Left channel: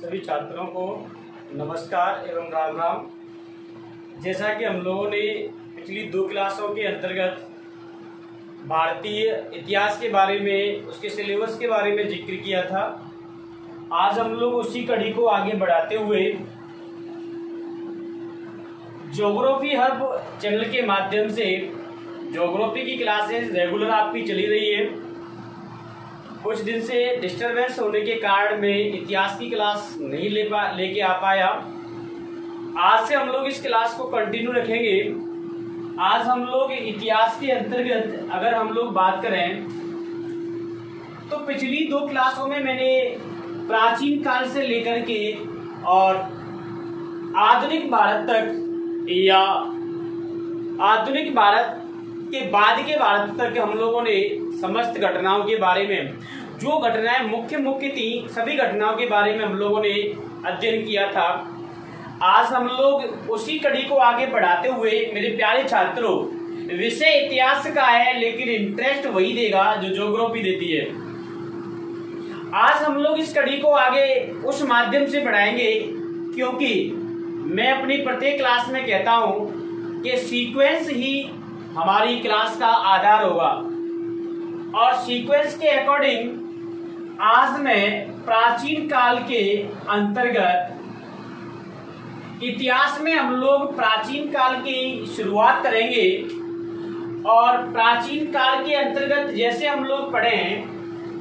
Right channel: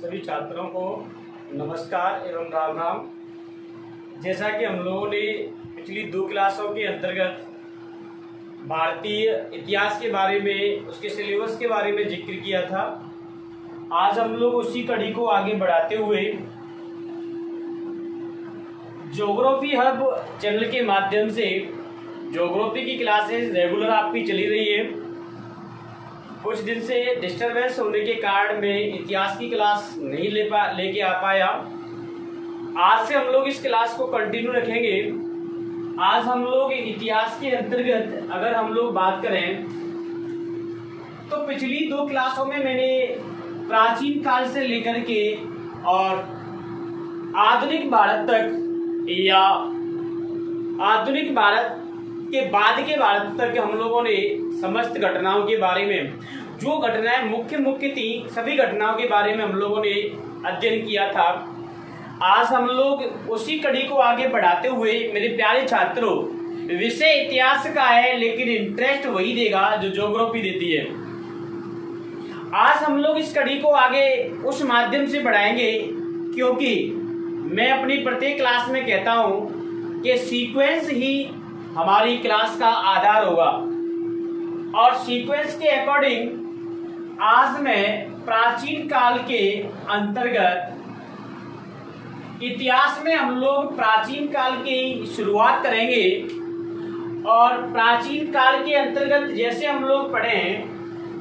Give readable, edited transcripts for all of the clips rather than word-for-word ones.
सभी छात्रों को नमस्कार एवं राम राम। जैसा कि हम लोगों ने पिछली 2 क्लासों के अंतर्गत भारतीय इतिहास के बारे में, उसके सिलेबस के बारे में जिक्र किया था, आज हम लोग उसी कड़ी को आगे बढ़ाते हुए ज्योग्राफी हब चैनल के माध्यम से ज्योग्राफी की क्लासेस रेगुलर आपकी चली रही है। कुछ दिन से डिस्टरबेंस होने के कारण मैं इतिहास की क्लास नहीं लेके आ पाया। आज से हम लोग इस क्लास को कंटिन्यू रखेंगे। आज हम लोग इतिहास के अंतर्गत अगर हम लोग बात करें तो पिछली 2 क्लासों में मैंने प्राचीन काल से लेकर के और आधुनिक भारत तक या आधुनिक भारत के बाद के भारत तक हम लोगों ने समस्त घटनाओं के बारे में, जो घटनाएं मुख्य थी, सभी घटनाओं के बारे में हम लोगों ने अध्ययन किया था। आज हम लोग उसी कड़ी को आगे बढ़ाते हुए मेरे प्यारे छात्रों, विषय इतिहास का है लेकिन इंटरेस्ट वही देगा जो ज्योग्राफी देती है। आज हम लोग इस कड़ी को आगे उस माध्यम से बढ़ाएंगे क्योंकि मैं अपनी प्रत्येक क्लास में कहता हूं कि सीक्वेंस ही हमारी क्लास का आधार होगा और सीक्वेंस के अकॉर्डिंग आज मैं प्राचीन काल के अंतर्गत इतिहास में हम लोग प्राचीन काल की शुरुआत करेंगे और प्राचीन काल के अंतर्गत जैसे हम लोग पढ़ें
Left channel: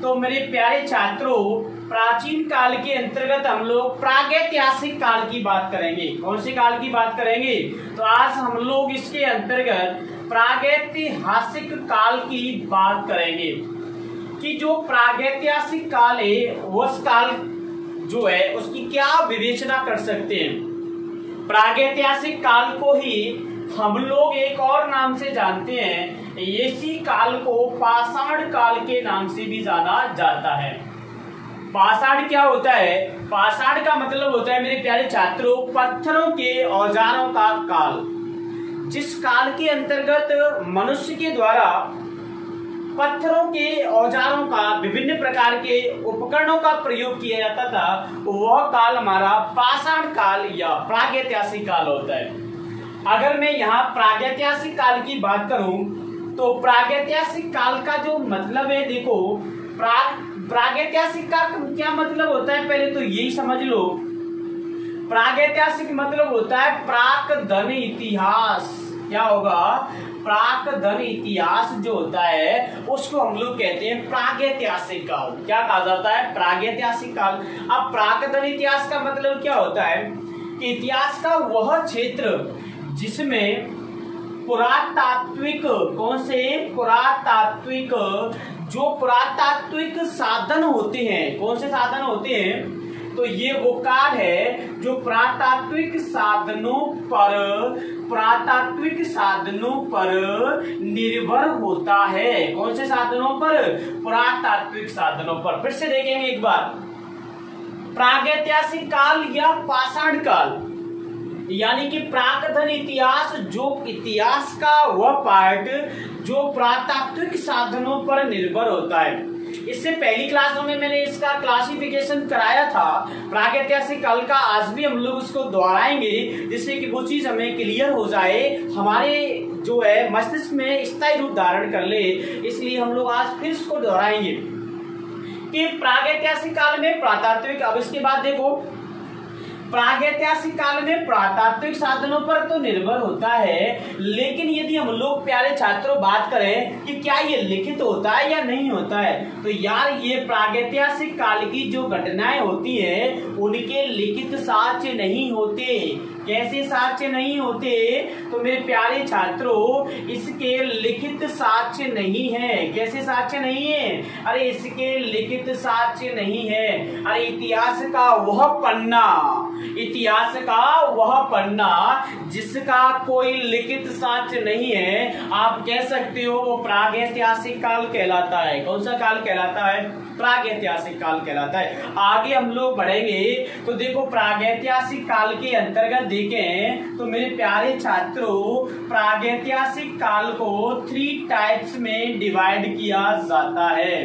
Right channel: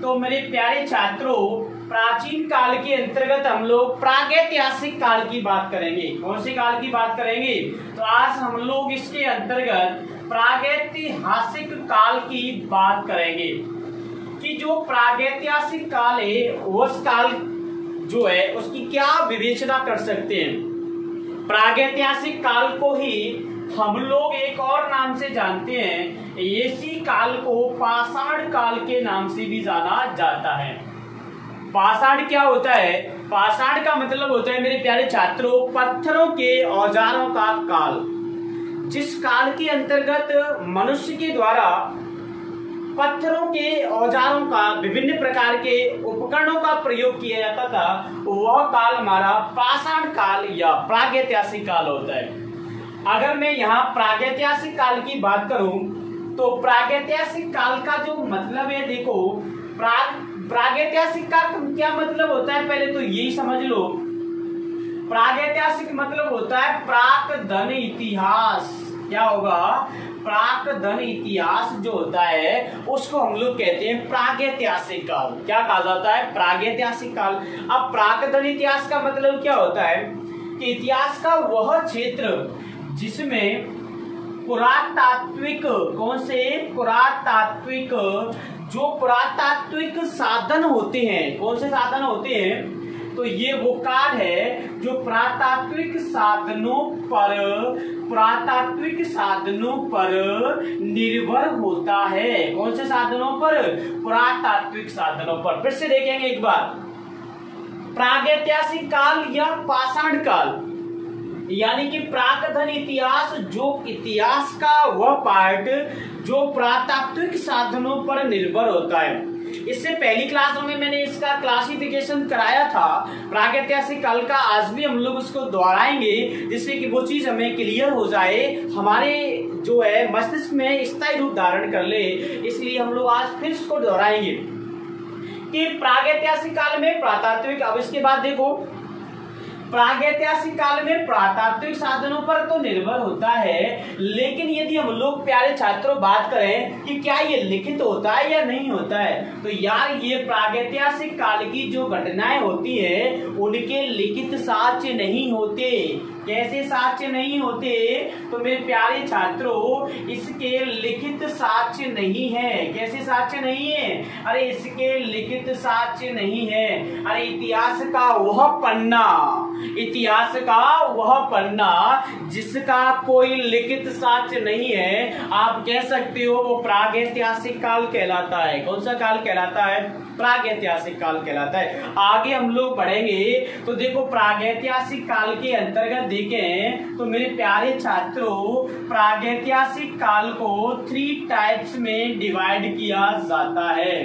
तो मेरे प्यारे छात्रों, प्राचीन काल के अंतर्गत हम लोग प्रागैतिहासिक काल की बात करेंगे। कौन से काल की बात करेंगे? तो आज हम लोग इसके अंतर्गत प्रागैतिहासिक काल की बात करेंगे कि जो प्रागैतिहासिक काल है उस काल जो है उसकी क्या विवेचना कर सकते हैं। प्रागैतिहासिक काल को ही हम लोग एक और नाम से जानते हैं, इसी काल को पाषाण काल के नाम से भी जाना जाता है। पाषाण क्या होता है? पाषाण का मतलब होता है मेरे प्यारे छात्रों पत्थरों के औजारों का काल, जिस काल के अंतर्गत मनुष्य के द्वारा पत्थरों के औजारों का, विभिन्न प्रकार के उपकरणों का प्रयोग किया जाता था, वह काल हमारा पाषाण काल या प्रागैतिहासिक काल होता है। अगर मैं यहाँ प्रागैतिहासिक काल की बात करूं तो प्रागैतिहासिक काल का जो मतलब है, देखो प्रागैतिहासिक का क्या मतलब होता है पहले तो यही समझ लो। प्रागैतिहासिक मतलब होता है प्राक धन इतिहास। क्या होगा? प्राक धन इतिहास जो होता है उसको हम लोग कहते हैं प्रागैतिहासिक काल। क्या कहा जाता है? प्रागैतिहासिक काल। अब प्राक धन इतिहास का मतलब क्या होता है कि इतिहास का वह क्षेत्र जिसमें पुरातात्विक, कौन से? पुरातात्विक, जो पुरातात्विक साधन होते हैं। कौन से साधन होते हैं? तो ये वो काल है जो पुरातात्विक साधनों पर निर्भर होता है। कौन से साधनों पर? पुरातात्विक साधनों पर। फिर से देखेंगे एक बार, प्रागैतिहासिक काल या पाषाण काल यानी कि प्राकधन इतिहास, जो इतिहास का वह पार्ट जो पुरातात्विक साधनों पर निर्भर होता है। इससे पहली क्लासों में मैंने इसका क्लासिफिकेशन कराया था प्रागैतिहासिक काल का। आज भी हम लोग इसको दोहराएंगे जिससे कि वो चीज हमें क्लियर हो जाए, हमारे जो है मस्तिष्क में स्थायी रूप धारण कर ले। इसलिए हम लोग आज फिर इसको दोहराएंगे कि प्रागैतिहासिक काल में पुरातात्विक। अब इसके बाद देखो, प्रागैतिहासिक काल में पुरातात्विक साधनों पर तो निर्भर होता है, लेकिन यदि हम लोग प्यारे छात्रों बात करें कि क्या ये लिखित होता है या नहीं होता है, तो यार ये प्रागैतिहासिक काल की जो घटनाएं होती है उनके लिखित साक्ष्य नहीं होते। कैसे साक्ष्य नहीं होते? तो मेरे प्यारे छात्रों इसके लिखित साक्ष्य नहीं है। कैसे साक्ष्य नहीं है? अरे इसके लिखित साक्ष्य नहीं है। अरे इतिहास का वह पन्ना जिसका कोई लिखित साक्ष्य नहीं है, आप कह सकते हो वो प्रागैतिहासिक काल कहलाता है। कौन सा काल कहलाता है? प्रागैतिहासिक काल कहलाता है। आगे हम लोग बढ़ेंगे तो देखो, प्रागैतिहासिक काल के अंतर्गत देखें तो मेरे प्यारे छात्रों प्रागैतिहासिक काल को 3 टाइप्स में डिवाइड किया जाता है।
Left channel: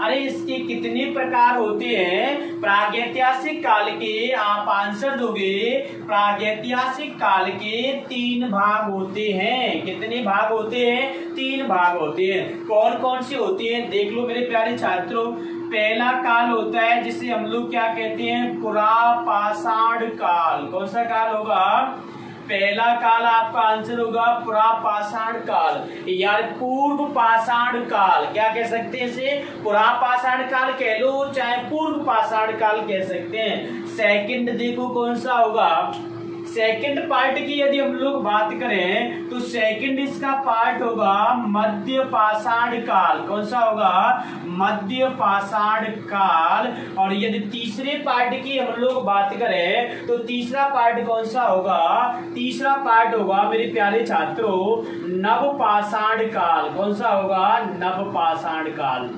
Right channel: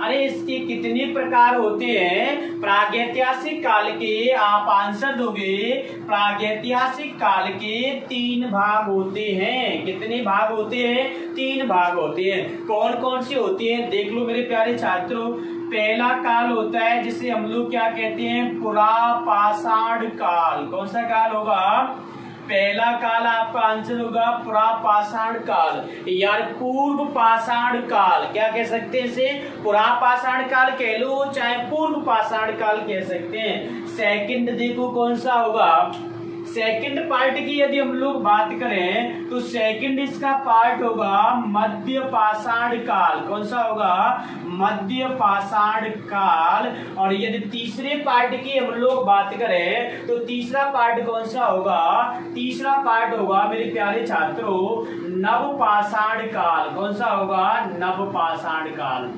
अरे इसके कितने प्रकार होते हैं? प्रागैतिहासिक काल के आप आंसर दोगे, प्रागैतिहासिक काल के 3 भाग होते हैं। कितने भाग होते हैं? 3 भाग होते हैं। कौन कौन से होते हैं देख लो मेरे प्यारे छात्रों। पहला काल होता है जिसे हम लोग क्या कहते हैं? पुरापाषाण काल। कौन सा काल होगा? पहला काल आपका आंसर होगा पुरापाषाण काल, यार पूर्व पाषाण काल। क्या कह सकते हैं इसे? पुरापाषाण काल कह लो, चाहे पूर्व पाषाण काल कह सकते हैं। सेकंड देखो कौन सा होगा? सेकंड पार्ट की यदि हम लोग बात करें तो सेकंड इसका पार्ट होगा मध्य पाषाण काल। कौन सा होगा? मध्य पाषाण काल। और यदि तीसरे पार्ट की हम लोग बात करें तो तीसरा पार्ट कौन सा होगा? तीसरा पार्ट होगा मेरे प्यारे छात्रों नव पाषाण काल। कौन सा होगा? नव पाषाण काल।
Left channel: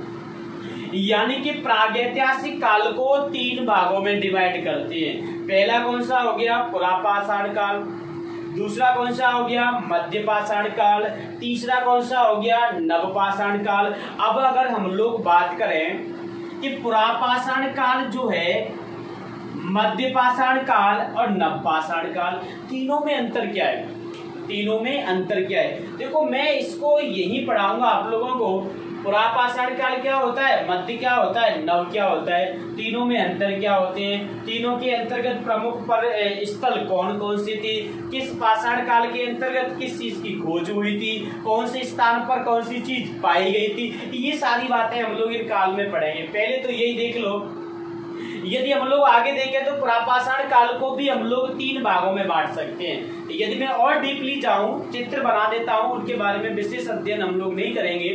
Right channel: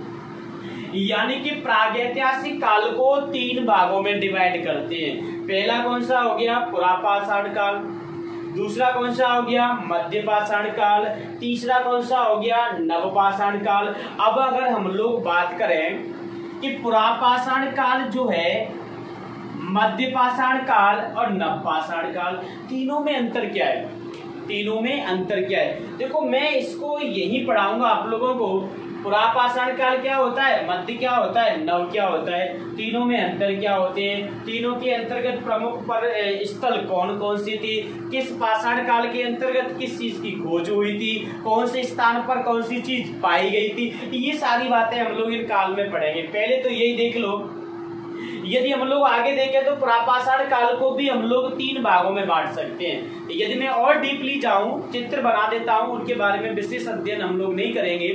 यानी कि प्रागैतिहासिक काल को 3 भागों में डिवाइड करते हैं। पहला कौन सा हो गया? पुरापाषाण काल। दूसरा कौन सा हो गया? मध्य पाषाण काल। तीसरा कौन सा हो गया? नवपाषाण काल। अब अगर हम लोग बात करें कि पुरापाषाण काल जो है, मध्य पाषाण काल और नवपाषाण काल, तीनों में अंतर क्या है? तीनों में अंतर क्या है? देखो मैं इसको यही पढ़ाऊंगा आप लोगों को। पुरापाषाण काल क्या होता है, मध्य क्या होता है, नव क्या होता है, तीनों में अंतर क्या होते हैं, तीनों के अंतर्गत प्रमुख पर स्थल कौन कौन सी थी, किस पाषाण काल के अंतर्गत किस चीज की खोज हुई थी, कौन से स्थान पर कौन सी चीज पाई गई थी, ये सारी बातें हम लोग इन काल में पढ़ेंगे। पहले तो यही देख लो। यदि हम लोग आगे देखें तो पुरापाषाण काल को भी हम लोग 3 भागों में बांट सकते हैं। यदि मैं और डीपली जाऊं, चित्र बना देता हूं, उनके बारे में विशेष अध्ययन हम लोग नहीं करेंगे,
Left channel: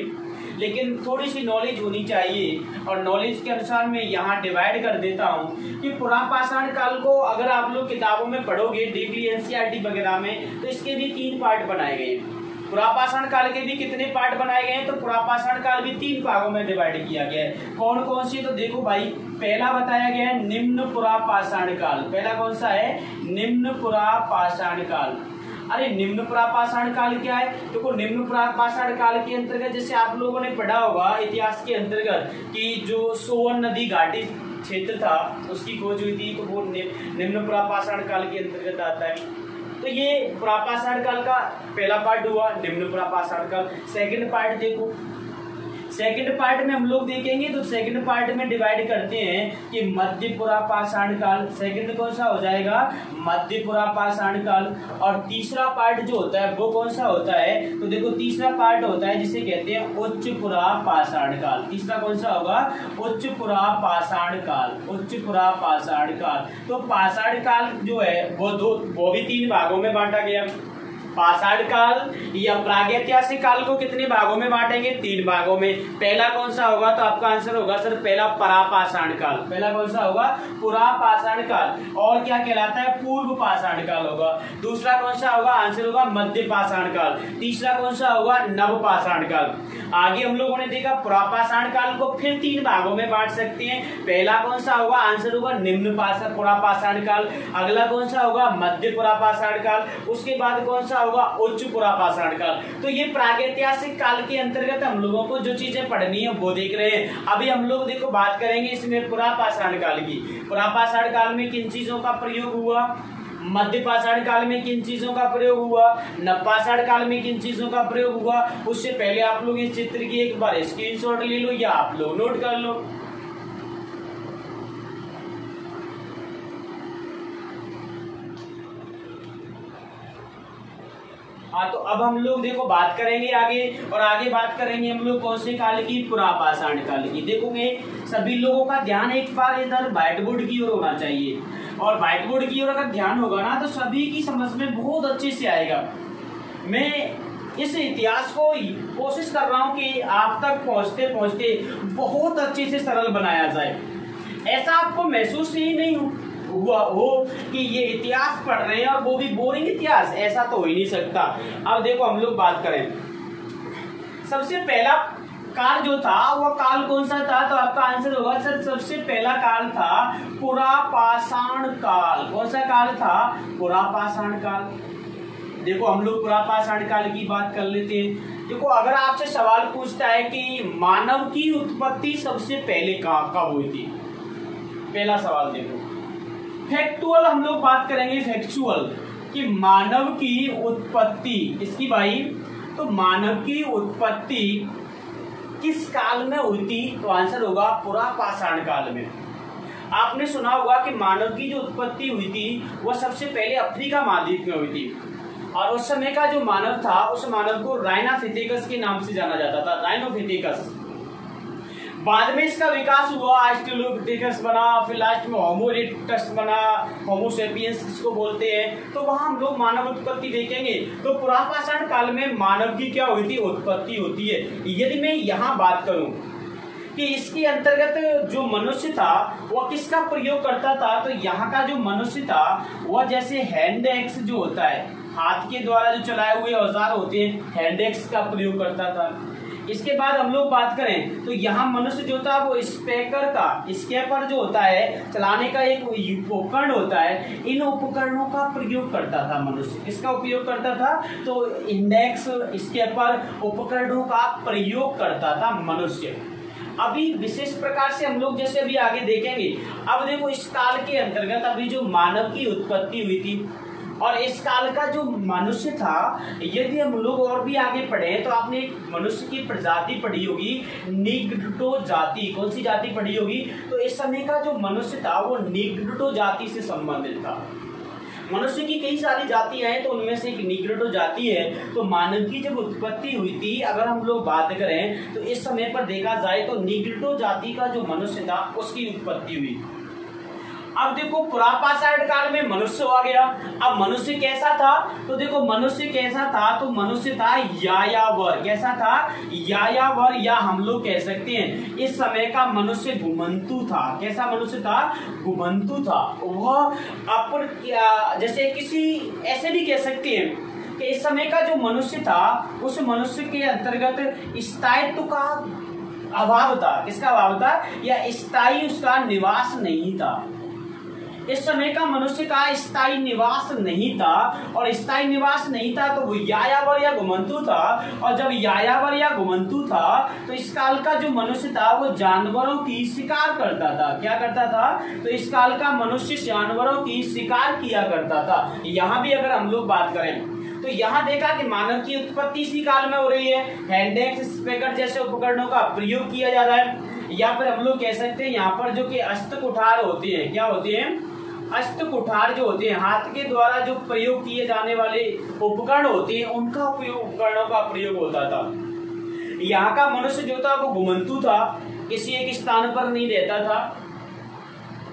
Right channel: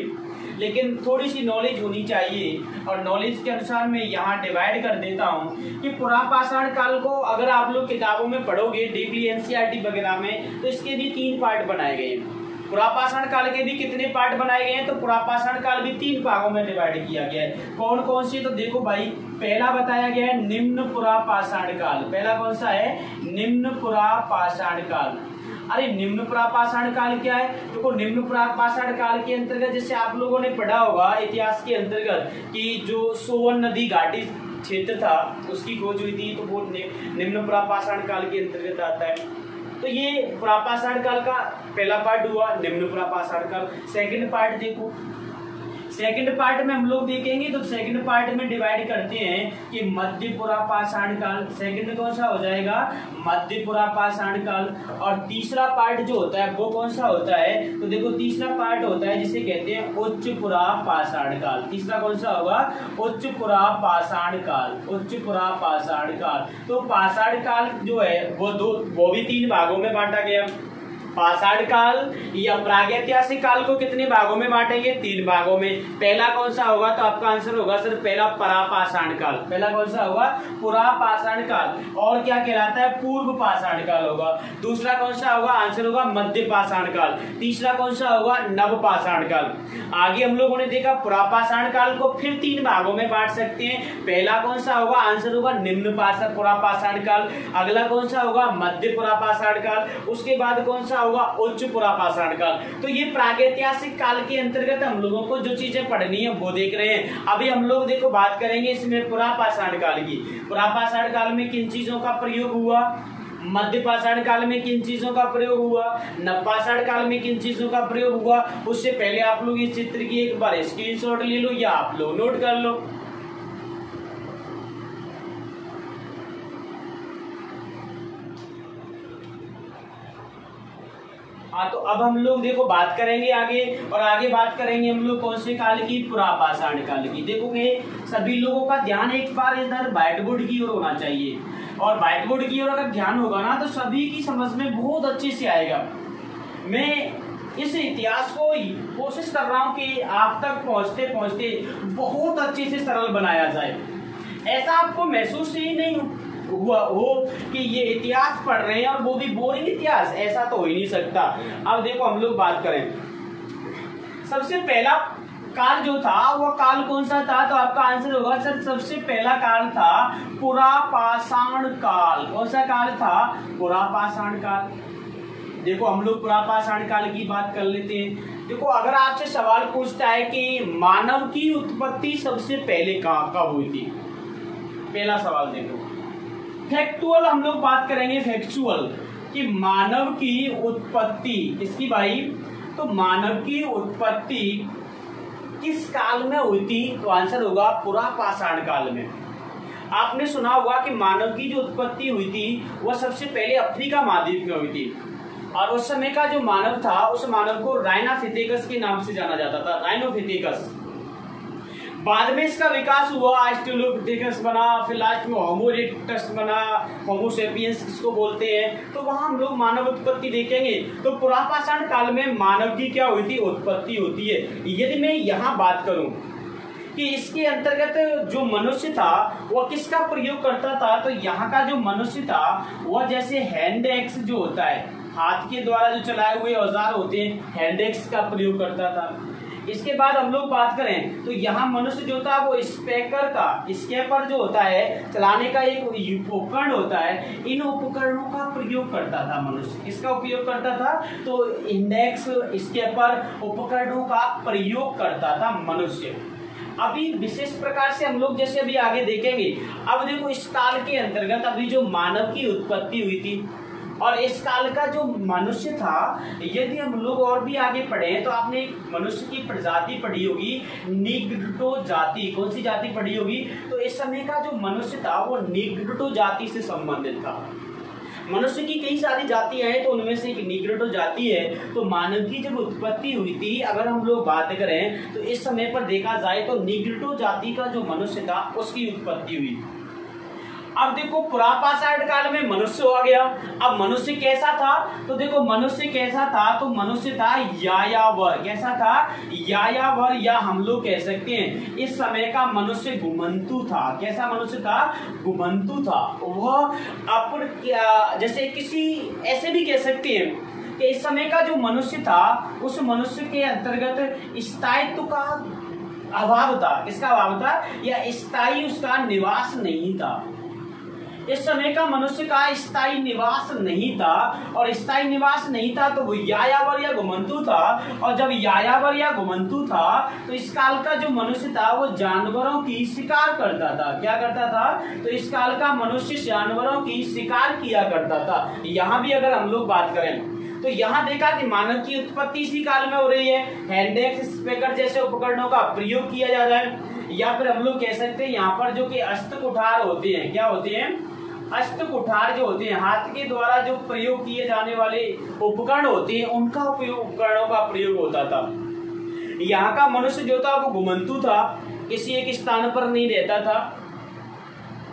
लेकिन थोड़ी सी नॉलेज होनी चाहिए और नॉलेज के अनुसार मैं यहाँ डिवाइड कर देता हूँ कि पुरापाषाण काल को अगर आप लोग किताबों में पढ़ोगे डीपली एनसीईआरटी वगैरह में, तो इसके भी 3 पार्ट बनाए गए हैं। पुरापाषाण काल के भी कितने पार्ट बनाए गए हैं? तो पुरापाषाण काल भी 3 भागों में डिवाइड किया गया है। कौन कौन सी? तो देखो भाई, पहला बताया गया है निम्न पुरापाषाण काल। पहला कौन सा है? निम्न पुरापाषाण काल। अरे निम्न पुरापाषाण काल क्या है? देखो निम्न पुरापाषाण काल के अंतर्गत जैसे आप लोगों ने पढ़ा होगा इतिहास के अंतर्गत कि जो सोवन नदी घाटी क्षेत्र था उसकी खोज हुई थी, तो वो निम्न पुरापाषाण काल के अंतर्गत आता है। तो ये पुरापाषाण काल का पहला पार्ट हुआ, निम्न पुरापाषाण काल। सेकंड पार्ट देखो, सेकंड पार्ट में हम लोग देखेंगे तो सेकंड पार्ट में डिवाइड करते हैं कि मध्य पुरापाषाण काल। सेकंड कौन सा हो जाएगा? मध्य पुरापाषाण काल। और तीसरा पार्ट जो होता है वो कौन सा होता है? तो देखो तीसरा पार्ट होता है जिसे कहते हैं उच्च पुरापाषाण काल। तीसरा कौन सा होगा? उच्च पुरापाषाण काल। उच्च पुरापाषाण काल। तो पाषाण काल जो है वो भी 3 भागों में बांटा गया। पाषाण काल या प्रागैतिहासिक काल को कितने भागों में बांटेंगे? 3 भागों में। पहला कौन सा होगा? तो आपका आंसर होगा सर पहला पुरापाषाण काल। पहला कौन सा होगा? पुरापाषाण काल। और क्या कहलाता है? पूर्व पाषाण काल होगा। दूसरा कौन सा होगा? आंसर होगा मध्य पाषाण काल। तीसरा कौन सा होगा? नव पाषाण काल। आगे हम लोगों ने देखा पुरापाषाण काल को फिर 3 भागों में बांट सकते हैं। पहला कौन सा होगा? आंसर होगा निम्न पुरापाषाण काल। अगला कौन सा होगा? मध्य पुरापाषाण काल। उसके बाद कौन सा होगा? उच्च पुरापाषाण काल। तो ये प्रागैतिहासिक काल के अंतर्गत हम लोगों को जो चीजें पढ़नी है वो देख रहे हैं। अभी हम लोग देखो बात करेंगे इसमें पुरापाषाण काल की। पुरापाषाण काल में किन चीजों का प्रयोग हुआ? मध्य पाषाण काल में किन चीजों का प्रयोग हुआ? नवपाषाण काल में किन चीजों का प्रयोग हुआ? उससे पहले आप लोग इस चित्र की एक बार स्क्रीनशॉट ले लो या आप लोग नोट कर लो। हाँ, तो अब हम लोग देखो बात करेंगे आगे, और आगे बात करेंगे हम लोग कौन से काल की? पुरापाषाण काल की। देखोगे सभी लोगों का ध्यान एक बार इधर व्हाइट बोर्ड की ओर होना चाहिए, और व्हाइट बोर्ड की ओर अगर ध्यान होगा ना तो सभी की समझ में बहुत अच्छे से आएगा। मैं इस इतिहास को कोशिश कर रहा हूँ कि आप तक पहुँचते पहुँचते बहुत अच्छे से सरल बनाया जाए। ऐसा आपको महसूस ही नहीं हुआ हो कि ये इतिहास पढ़ रहे हैं और वो भी बोरिंग इतिहास, ऐसा तो हो ही नहीं सकता। अब देखो हम लोग बात करें, सबसे पहला काल जो था वो काल कौन सा था? तो आपका आंसर होगा सर सबसे पहला काल था पुरापाषाण काल। कौन सा काल था? पुरापाषाण काल। देखो हम लोग पुरापाषाण काल की बात कर लेते हैं। देखो अगर आपसे सवाल पूछता है कि मानव की उत्पत्ति सबसे पहले कब हुई थी, पहला सवाल देखो फैक्चुअल हम लोग बात करेंगे, फैक्चुअल कि मानव की उत्पत्ति इसकी भाई, तो मानव की उत्पत्ति किस काल में हुई थी, तो आंसर होगा पुरापाषाण काल में। आपने सुना होगा कि मानव की जो उत्पत्ति हुई थी वह सबसे पहले अफ्रीका महाद्वीप में हुई थी, और उस समय का जो मानव था उस मानव को राइनाफिथेकस के नाम से जाना जाता था, राइनोफिथेकस। बाद में इसका विकास हुआ, ऑस्ट्रेलोपिथेकस बना, फिर लास्ट में होमो इरेक्टस बना, होमो सेपियंस जिसको बोलते हैं। तो वहां हम लोग मानव उत्पत्ति देखेंगे। तो पुरापाषाण काल में मानव की क्या हुई थी, उत्पत्ति होती है। यदि मैं यहाँ बात करूं कि इसके अंतर्गत जो मनुष्य था वह किसका प्रयोग करता था, तो यहाँ का जो मनुष्य था वह जैसे हैंड एक्स जो होता है, हाथ के द्वारा जो चलाए हुए औजार होते हैं, हैंड एक्स का प्रयोग करता था। इसके बाद हम लोग बात करें तो यहाँ मनुष्य जो था वो स्केपर जो होता है चलाने का एक उपकरण होता है, इन उपकरणों का प्रयोग करता था मनुष्य। किसका उपयोग करता था, तो इंडेक्स स्केपर उपकरणों का प्रयोग करता था मनुष्य। अभी विशेष प्रकार से हम लोग जैसे अभी आगे देखेंगे। अब देखो इस काल के अंतर्गत अभी जो मानव की उत्पत्ति हुई थी और इस काल का जो मनुष्य था, यदि हम लोग और भी आगे पढ़े तो आपने मनुष्य की प्रजाति पढ़ी होगी, निग्रोटो जाति। कौन सी जाति पढ़ी होगी, तो इस समय का जो मनुष्य था वो निग्रोटो जाति से संबंधित था। मनुष्य की कई सारी जातियां हैं तो उनमें से एक निग्रोटो जाति है। तो मानव की जब उत्पत्ति हुई थी, अगर हम लोग बात करें तो इस समय पर देखा जाए तो निग्रोटो जाति का जो मनुष्य था उसकी उत्पत्ति हुई। अब देखो पुरापाषाण काल में मनुष्य हो गया। अब मनुष्य कैसा था, तो देखो मनुष्य कैसा था, तो मनुष्य था यायावर। कैसा था, यायावर, या हम लोग कह सकते हैं इस समय का मनुष्य घुमंतु था। कैसा मनुष्य था, घुमंतु था। वह अपन जैसे किसी ऐसे भी कह सकते हैं कि इस समय का जो मनुष्य था उस मनुष्य के अंतर्गत स्थायित्व का अभाव था। किसका अभाव था, या स्थायी उसका निवास नहीं था। इस समय का मनुष्य का स्थायी निवास नहीं था, और स्थायी निवास नहीं था तो वो यायावर या घुमंतु था। और जब यायावर या घुमंतु था तो इस काल का जो मनुष्य था वो जानवरों की शिकार करता था। क्या करता था, तो इस काल का मनुष्य जानवरों की शिकार किया करता था। यहाँ भी अगर हम लोग बात करें तो यहाँ देखा कि मानव की उत्पत्ति इसी काल में हो रही है। हैंडेक्स स्पेकर जैसे उपकरणों का प्रयोग किया जा रहा है, या फिर हम लोग कह सकते हैं यहाँ पर जो कि हस्तकुठार होते हैं, क्या होते हैं, हस्तकुठार जो होते हैं, हाथ के द्वारा जो प्रयोग किए जाने वाले उपकरण होते हैं, उनका उपकरणों का प्रयोग होता था। यहाँ का मनुष्य जो था वो घुमंतु था, किसी एक स्थान पर नहीं रहता था,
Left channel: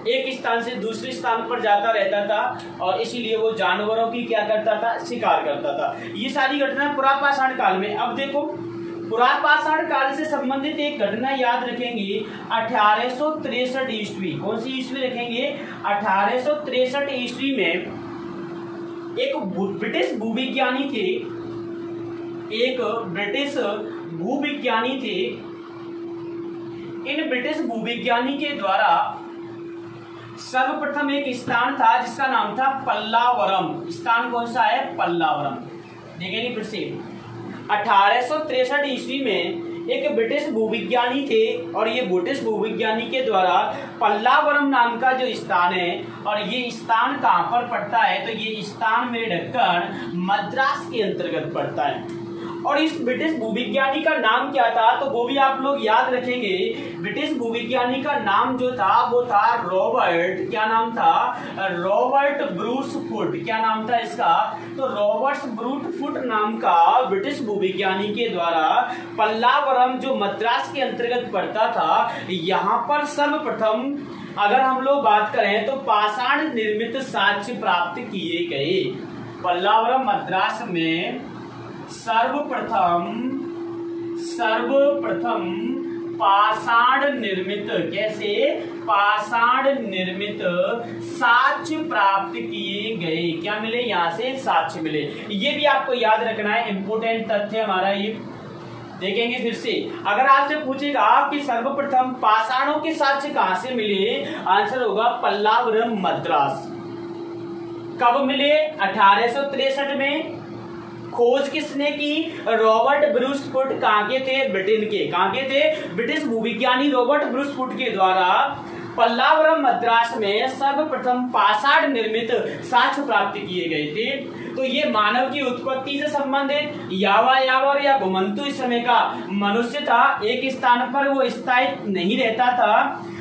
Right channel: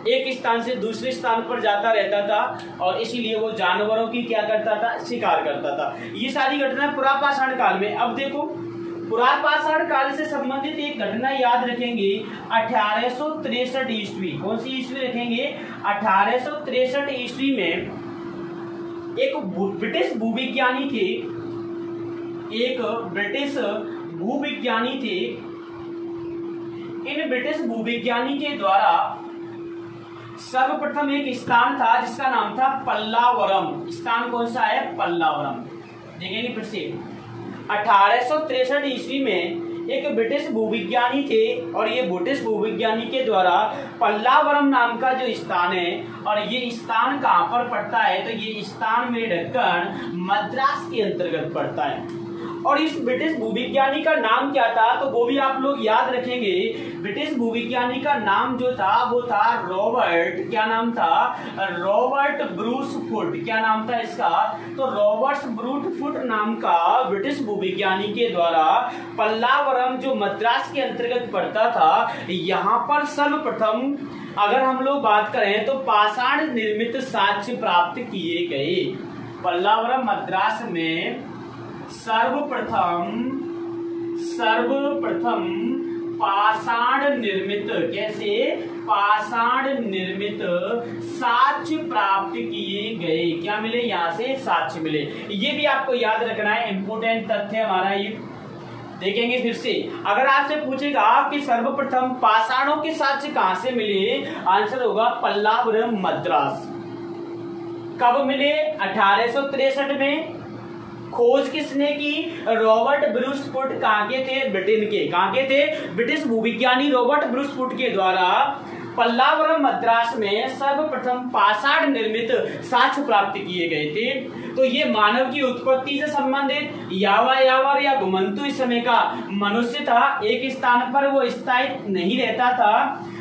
एक स्थान से दूसरे स्थान पर जाता रहता था, और इसीलिए वो जानवरों की क्या करता था, शिकार करता था। ये सारी घटना पुरापाषाण काल में। अब देखो पुरापाषाण काल से संबंधित एक घटना याद रखेंगे, 1863 ईस्वी। कौन सी ईस्वी रखेंगे, 1863 ईस्वी में एक ब्रिटिश भूविज्ञानी थे, एक ब्रिटिश भूविज्ञानी थे। इन ब्रिटिश भूविज्ञानी के द्वारा सर्वप्रथम एक स्थान था जिसका नाम था पल्लावरम। स्थान कौन सा है, पल्लावरम। देखेंगे फिर से 1863 ईस्वी में एक ब्रिटिश भूविज्ञानी थे, और ये ब्रिटिश भूविज्ञानी के द्वारा पल्लावरम नाम का जो स्थान है, और ये स्थान कहाँ पर पड़ता है, तो ये स्थान में ढक्कन मद्रास के अंतर्गत पड़ता है। और इस ब्रिटिश भूविज्ञानी का नाम क्या था, तो वो भी आप लोग याद रखेंगे। ब्रिटिश भूविज्ञानी का नाम जो था वो था रॉबर्ट, क्या नाम था, रॉबर्ट ब्रूस फुट। क्या नाम था इसका, तो रॉबर्ट ब्रूट फुट नाम का ब्रिटिश भूविज्ञानी के द्वारा पल्लावरम जो मद्रास के अंतर्गत पड़ता था, यहाँ पर सर्वप्रथम अगर हम लोग बात करें तो पाषाण निर्मित साक्ष्य प्राप्त किए गए। पल्लावरम मद्रास में सर्वप्रथम पाषाण निर्मित, कैसे, पाषाण निर्मित साक्ष्य प्राप्त किए गए। क्या मिले, यहाँ से साक्ष्य मिले। ये भी आपको याद रखना है, इंपोर्टेंट तथ्य हमारा ये। देखेंगे फिर से, अगर आपसे पूछेगा कि सर्वप्रथम पाषाणों के साक्ष्य कहां से मिले, आंसर होगा पल्लावरम मद्रास। कब मिले, 1863 में, खोज किसने की? Robert Bruce foot. कहाँ के थे? ब्रिटेन के। कहाँ के थे? ब्रिटिश भूविज्ञानी रॉबर्ट ब्रूस फुट के द्वारा पल्लावरम मद्रास में सर्वप्रथम पाषाण निर्मित साक्ष्य प्राप्त किए गए थे। तो ये मानव की उत्पत्ति से संबंधित यावर या घुमंतु इस समय का मनुष्य था। एक स्थान पर वो स्थायी नहीं रहता था,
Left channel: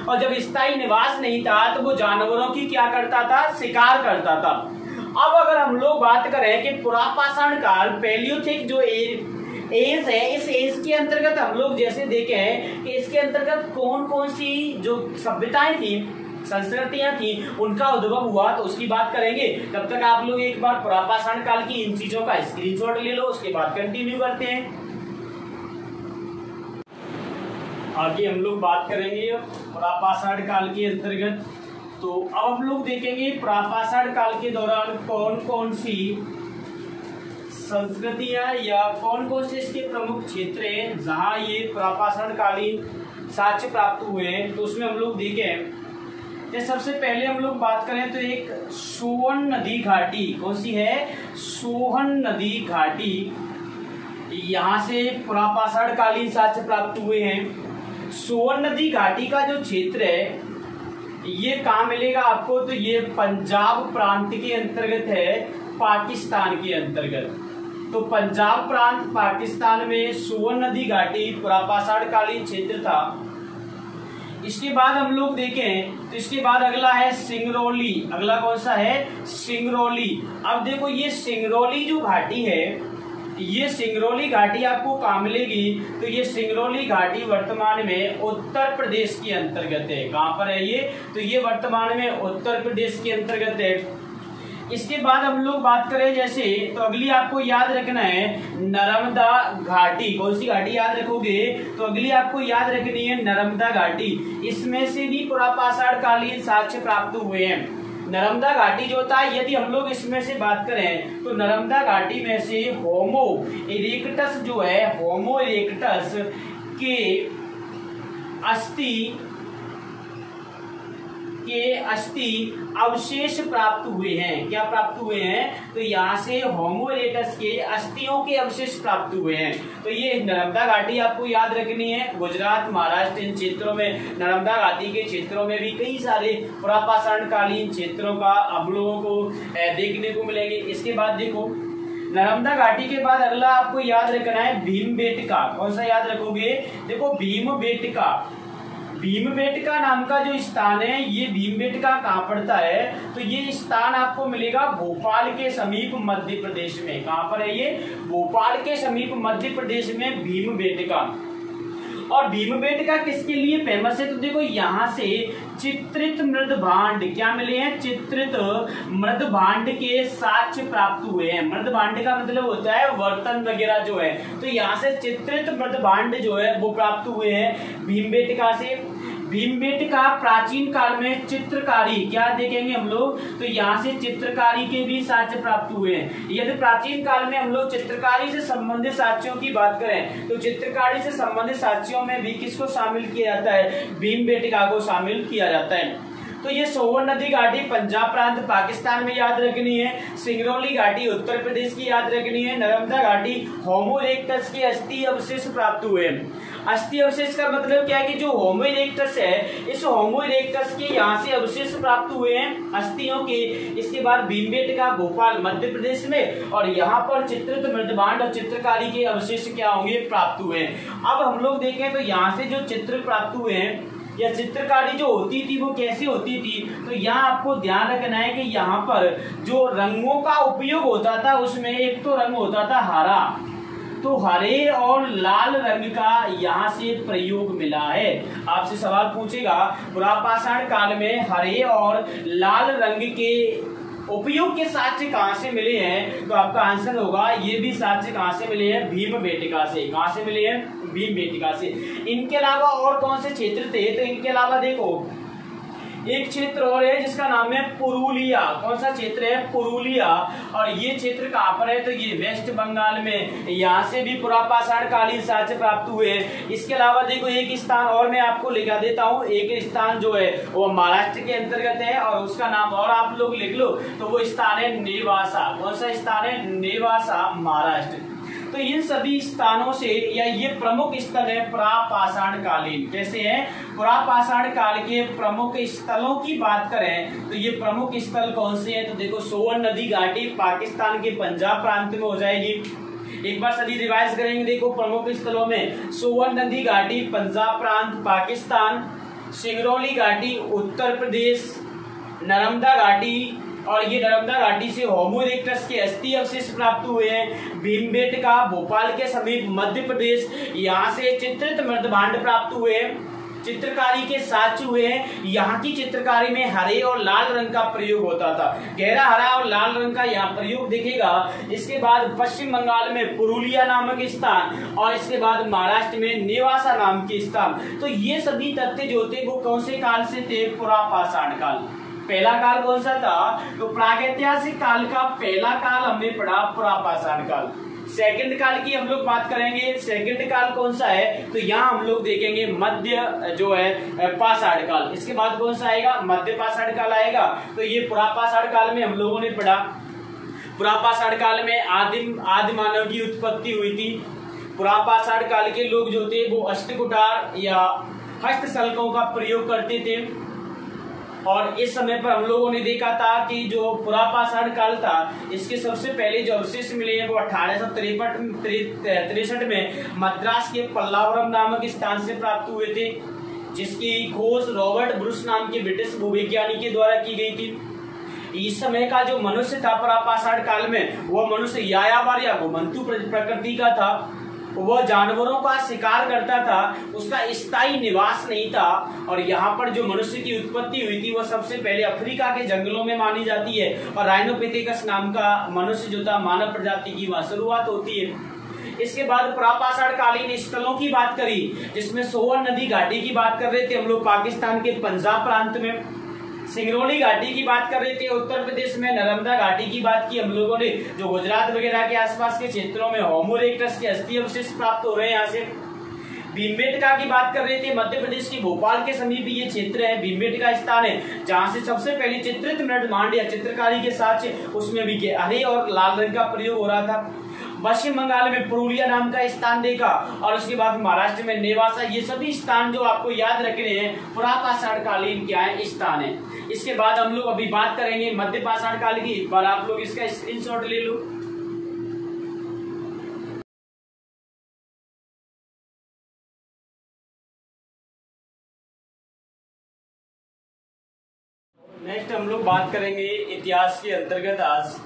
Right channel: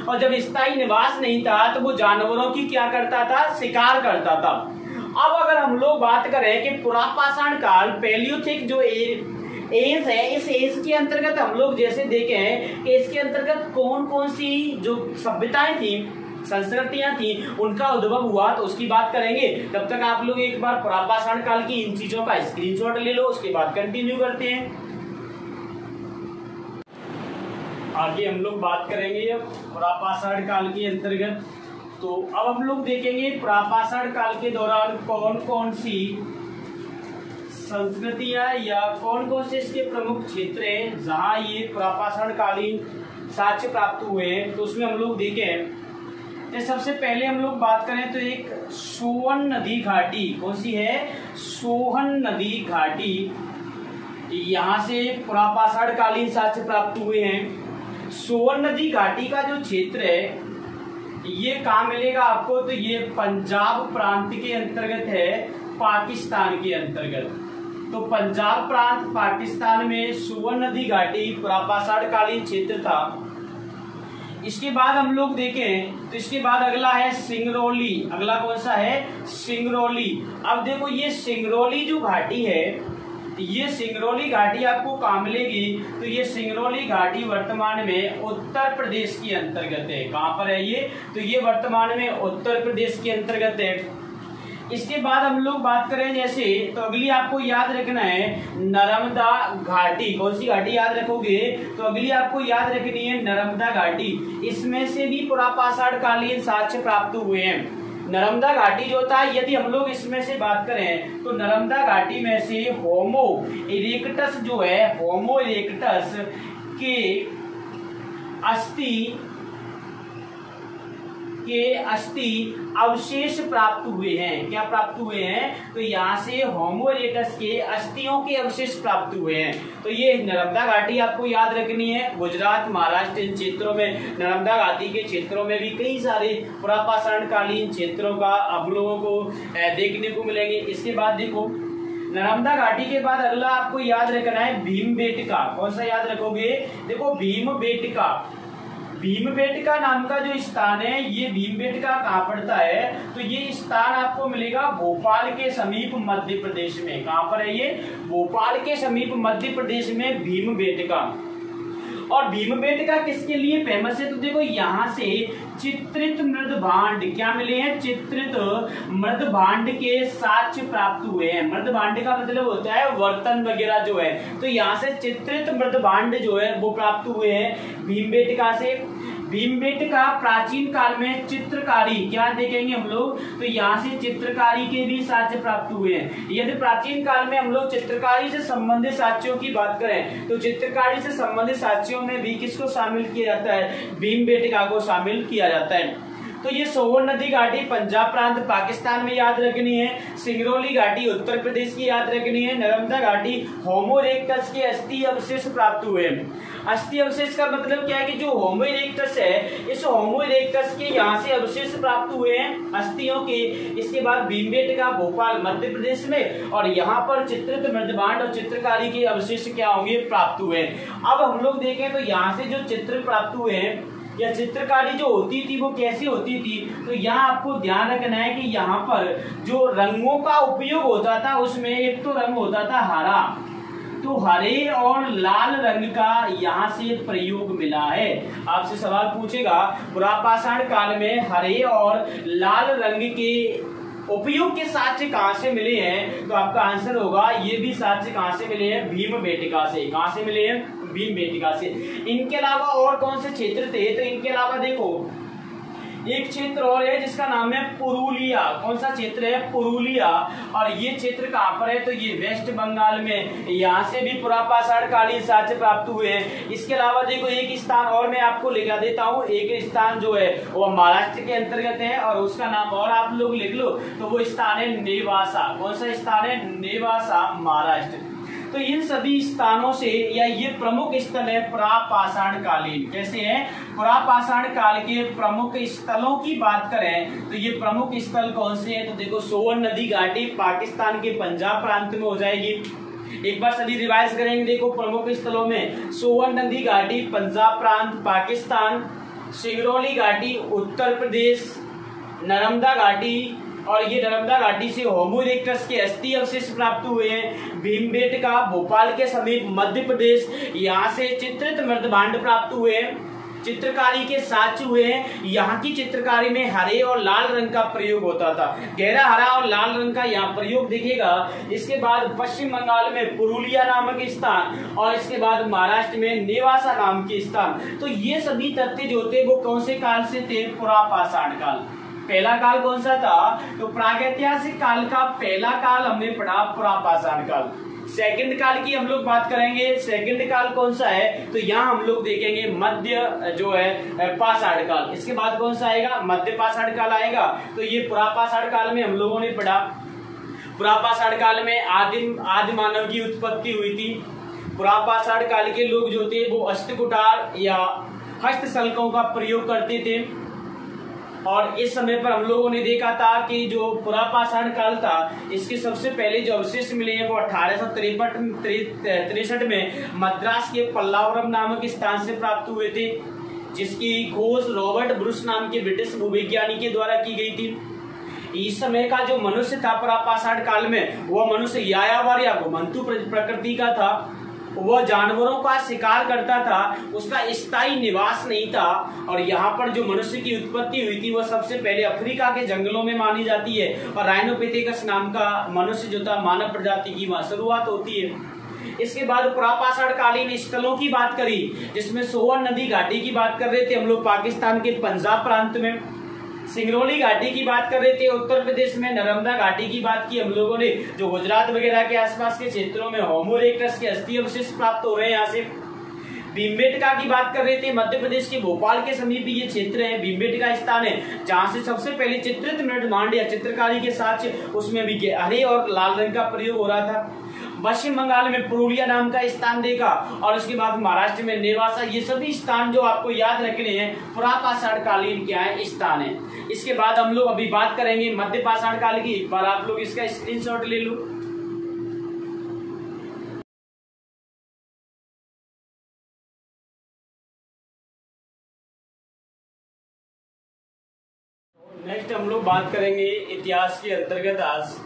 और जब स्थायी निवास नहीं था तो वो जानवरों की क्या करता था? शिकार करता था। अब अगर हम लोग बात करें कि पुरापाषाण काल, पैलियोथिक जो एज है, इस एज के अंतर्गत हम लोग जैसे देखें कि इसके अंतर्गत कौन कौन सी जो सभ्यताएं थी, संस्कृतियां थी, उनका उद्भव हुआ, तो उसकी बात करेंगे। तब तक आप लोग एक बार पुरापाषाण काल की इन चीजों का स्क्रीनशॉट ले लो, उसके बाद कंटिन्यू करते हैं। आगे हम लोग बात करेंगे पुरापाषाण काल के अंतर्गत। तो अब हम लोग देखेंगे पुरापाषाण काल के दौरान कौन कौन सी संस्कृतियां या कौन कौन से इसके प्रमुख क्षेत्र हैं जहां ये पुरापाषाण कालीन साक्ष्य प्राप्त हुए हैं। तो उसमें हम लोग देखें, सबसे पहले हम लोग बात करें तो एक सोहन नदी घाटी। कौन सी है? सोहन नदी घाटी। यहाँ से पुरापाषाण कालीन साक्ष्य प्राप्त हुए हैं। सोहन नदी घाटी का जो क्षेत्र है ये कहाँ मिलेगा आपको? तो ये पंजाब प्रांत के अंतर्गत है, पाकिस्तान के अंतर्गत। तो पंजाब प्रांत पाकिस्तान में सोहन नदी घाटी पुरापाषाण कालीन क्षेत्र था। इसके बाद हम लोग देखें तो इसके बाद अगला है सिंगरौली। अगला कौन सा है? सिंगरौली। अब देखो ये सिंगरौली जो घाटी है, ये सिंगरौली घाटी आपको कहाँ मिलेगी? तो ये सिंगरौली घाटी वर्तमान में उत्तर प्रदेश के अंतर्गत है। कहाँ पर है ये? तो ये वर्तमान में उत्तर प्रदेश के अंतर्गत है। इसके बाद हम लोग बात करें जैसे, तो अगली आपको याद रखना है नर्मदा घाटी। कौन सी घाटी याद रखोगे? तो अगली आपको याद रखनी है नर्मदा घाटी। इसमें से भी पुरापाषाण कालीन साक्ष्य प्राप्त हुए हैं। नर्मदा घाटी जो था, यदि हम लोग इसमें से बात करें तो नर्मदा घाटी में से होमो इरेक्टस जो है, होमो इरेक्टस के अस्थि अवशेष प्राप्त हुए हैं। क्या प्राप्त हुए हैं? तो यहाँ से होमो इरेक्टस के अस्थियों के अवशेष प्राप्त हुए हैं। तो ये नर्मदा घाटी आपको याद रखनी है। गुजरात, महाराष्ट्र, इन क्षेत्रों में, नर्मदा घाटी के क्षेत्रों में भी कई सारे पुरापाषाण कालीन क्षेत्रों का हम लोगों को देखने को मिलेंगे। इसके बाद देखो नर्मदा घाटी के बाद अगला आपको याद रखना है भीमबेटका। कौन सा याद रखोगे? देखो भीमबेटका। भीमबेटका नाम का जो स्थान है, ये भीमबेटका कहाँ पड़ता है? तो ये स्थान आपको मिलेगा भोपाल के समीप मध्य प्रदेश में। कहाँ पर है ये? भोपाल के समीप मध्य प्रदेश में भीमबेटका। और भीमबेटका किसके लिए फेमस है? तो देखो यहाँ से चित्रित मृदभांड क्या मिले हैं? चित्रित मृदभांड के साक्ष्य प्राप्त हुए हैं। मृदभांड का मतलब होता है बर्तन वगैरह जो है, तो यहाँ से चित्रित मृदभांड जो है वो प्राप्त हुए हैं भीमबेटका से। भीमबेटका प्राचीन काल में चित्रकारी, क्या देखेंगे हम लोग? तो यहाँ से चित्रकारी के भी साक्ष्य प्राप्त हुए हैं। यदि प्राचीन काल में हम लोग चित्रकारी से संबंधित साक्ष्यों की बात करें तो चित्रकारी से संबंधित साक्ष्यों में भी किसको शामिल किया जाता है? भीमबेटका को शामिल किया जाता है। तो ये सोहन नदी घाटी पंजाब प्रांत पाकिस्तान में याद रखनी है। सिंगरौली घाटी उत्तर प्रदेश की याद रखनी है। नर्मदा घाटी होमो इरेक्टस के अस्थि अवशेष प्राप्त हुए। अस्थि अवशेष का मतलब क्या है कि जो होमो इरेक्टस है, इस होमो इरेक्टस के यहाँ से अवशेष प्राप्त हुए हैं अस्थियों के। इसके बाद भीमबेटका भोपाल मध्य प्रदेश में, और यहाँ पर चित्रित मृदभांड और चित्रकारी के अवशेष क्या होंगे? प्राप्त हुए। अब हम लोग देखें तो यहाँ से जो चित्र प्राप्त हुए हैं या चित्रकारी जो होती थी वो कैसी होती थी? तो यहाँ आपको ध्यान रखना है कि यहाँ पर जो रंगों का उपयोग होता था उसमें एक तो रंग होता था हरा, तो हरे और लाल रंग का यहाँ से प्रयोग मिला है। आपसे सवाल पूछेगा पुरापाषाण काल में हरे और लाल रंग के उपयोग के साक्ष्य कहाँ से मिले हैं? तो आपका आंसर होगा ये भी साक्ष्य कहाँ से मिले हैं? भीमबेटका से। कहाँ से मिले हैं? भीमबेटका से। इनके अलावा और कौन से क्षेत्र थे? तो इनके अलावा देखो एक क्षेत्र और है जिसका नाम है पुरुलिया। कौन सा क्षेत्र है? पुरुलिया। और ये क्षेत्र कहाँ पर है? तो ये वेस्ट बंगाल में। यहाँ से भी पुरापाषाण कालीन साक्ष्य प्राप्त हुए हैं। इसके अलावा देखो एक स्थान और मैं आपको लिखा देता हूँ। एक स्थान जो है वो महाराष्ट्र के अंतर्गत है और उसका नाम और आप लोग लिख लो, तो वो स्थान है नेवासा। कौन सा स्थान है? नेवासा, महाराष्ट्र। तो इन सभी स्थानों से या ये प्रमुख स्थल है पुरापाषाण कालीन। कैसे है? पुरापाषाण काल के प्रमुख स्थलों की बात करें तो ये प्रमुख स्थल कौन से हैं? तो देखो सोवन नदी घाटी पाकिस्तान के पंजाब प्रांत में हो जाएगी। एक बार सभी रिवाइज करेंगे। देखो प्रमुख स्थलों में सोवन नदी घाटी पंजाब प्रांत पाकिस्तान, सिंगरौली घाटी उत्तर प्रदेश, नर्मदा घाटी, और ये नर्मदा घाटी से होमो इरेक्टस के अस्थि अवशेष प्राप्त हुए हैं। भीमबेटका भोपाल के समीप मध्य प्रदेश, यहाँ से चित्रित मृदभांड प्राप्त हुए हैं। चित्रकारी के साक्ष्य हुए हैं। यहाँ की चित्रकारी में हरे और लाल रंग का प्रयोग होता था। गहरा हरा और लाल रंग का यहाँ प्रयोग दिखेगा। इसके बाद पश्चिम बंगाल में पुरुलिया नामक स्थान और इसके बाद महाराष्ट्र में नेवासा नाम के स्थान। तो ये सभी तथ्य जो थे वो कौन से काल से थे? पुरापाषाण काल। पहला काल कौन सा था? तो प्रागैतिहासिक काल का पहला काल हमने पढ़ा पुरापाषाण काल। सेकंड काल की हम लोग बात करेंगे। सेकंड काल कौन सा है? तो यहाँ हम लोग देखेंगे मध्य जो है पाषाण काल। इसके बाद कौन सा आएगा? मध्य पाषाण काल आएगा। तो ये पुरापाषाण काल में हम लोगों ने पढ़ा। पुरापाषाण काल में आदि मानव की उत्पत्ति हुई थी। पुरापाषाण काल के लोग जो थे वो अष्टकुठार या हस्तशल्कों का प्रयोग करते थे। और इस समय पर हम लोगों ने देखा था कि जो पुरापाषाण काल था इसके सबसे पहले जो अवशेष मिले हैं वो 1863 में मद्रास के पल्लावरम नामक स्थान से प्राप्त हुए थे, जिसकी खोज रॉबर्ट ब्रूस नाम के ब्रिटिश भूवैज्ञानिक के द्वारा की गई थी। इस समय का जो मनुष्य था पुरापाषाण काल में, वो मनुष्य यायावर या घुमंतु प्रकृति का था। वह जानवरों का शिकार करता था, उसका स्थायी निवास नहीं था। और यहाँ पर जो मनुष्य की उत्पत्ति हुई थी वह सबसे पहले अफ्रीका के जंगलों में मानी जाती है। और राइनोपिथेकस नाम का मनुष्य जो था मानव प्रजाति की वहां शुरुआत होती है। इसके बाद पुरापाषाण कालीन स्थलों की बात करी, जिसमें सोवन नदी घाटी की बात कर रहे थे हम लोग पाकिस्तान के पंजाब प्रांत में, सिंगरौली घाटी की बात कर रहे थे उत्तर प्रदेश में, नर्मदा घाटी की बात की हम लोगों ने जो गुजरात वगैरह के आसपास के क्षेत्रों में होमो इरेक्टस के अस्थि अवशेष प्राप्त हो रहे हैं यहाँ से। भीमबेटका की बात कर रहे थे, मध्य प्रदेश के भोपाल के समीप ये क्षेत्र है। भीमबेटका स्थान है जहां से सबसे पहले चित्रित मृदभांड या चित्रकारी के साथ उसमें भी हरे और लाल रंग का प्रयोग हो रहा था। पश्चिम बंगाल में पुरुलिया नाम का स्थान देखा और उसके बाद महाराष्ट्र में नेवासा। ये सभी स्थान जो आपको याद रखने हैं पुरापाषाण कालीन क्या है स्थान है। इसके बाद हम लोग अभी बात करेंगे मध्य पाषाण काल की। एक बार आप लोग इसका स्क्रीनशॉट ले लो। नेक्स्ट हम लोग बात करेंगे इतिहास के अंतर्गत आज,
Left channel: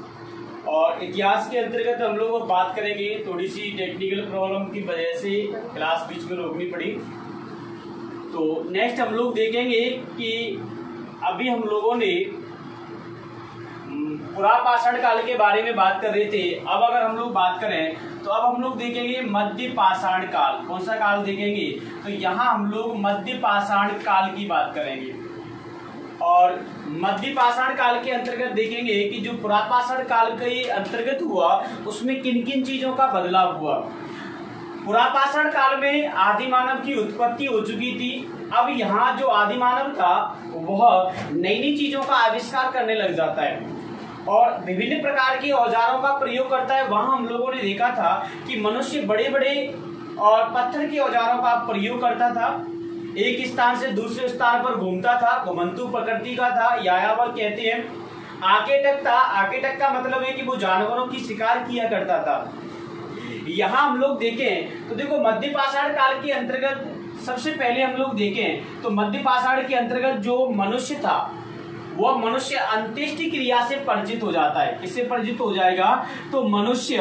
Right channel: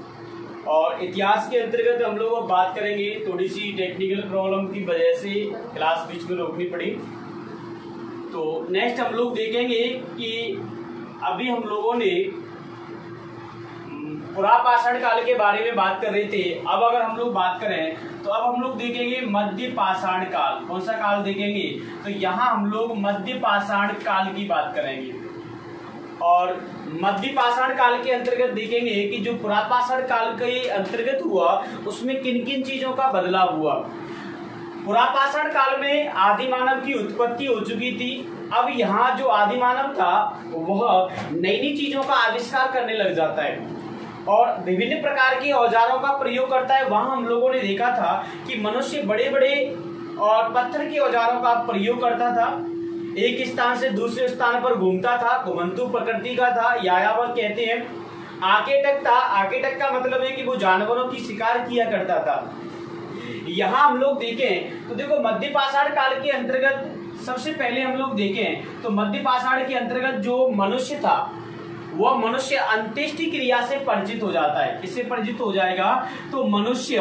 और इतिहास के अंतर्गत हम लोग बात करेंगे। थोड़ी सी टेक्निकल प्रॉब्लम की वजह से क्लास बीच में रोकनी पड़ी। तो नेक्स्ट हम लोग देखेंगे कि अभी हम लोगों ने पुरापाषाण काल के बारे में बात कर रहे थे। अब अगर हम लोग बात करें तो अब हम लोग देखेंगे मध्य पाषाण काल। कौन सा काल देखेंगे? तो यहाँ हम लोग मध्य पाषाण काल की बात करेंगे। और मध्य पाषाण काल के अंतर्गत देखेंगे कि जो पुरापाषाण काल के अंतर्गत हुआ उसमें किन किन चीजों का बदलाव हुआ। पुरापाषाण काल में आदि मानव की उत्पत्ति हो चुकी थी। अब यहाँ जो आदि मानव था वह नई नई चीजों का आविष्कार करने लग जाता है और विभिन्न प्रकार के औजारों का प्रयोग करता है। वहां हम लोगों ने देखा था कि मनुष्य बड़े बड़े और पत्थर के औजारों का प्रयोग करता था, एक स्थान से दूसरे स्थान पर घूमता था, घुमंतु प्रकृति का था, यायावर कहते हैं। आकेटक था, आकेटक का मतलब है कि वो जानवरों की शिकार किया करता था। यहाँ हम लोग देखें तो देखो मध्य पाषाण काल के अंतर्गत सबसे पहले हम लोग देखें तो मध्य पाषाण के अंतर्गत जो मनुष्य था वह मनुष्य अंत्येष्टि क्रिया से परिचित हो जाता है। किससे परिचित हो जाएगा? तो मनुष्य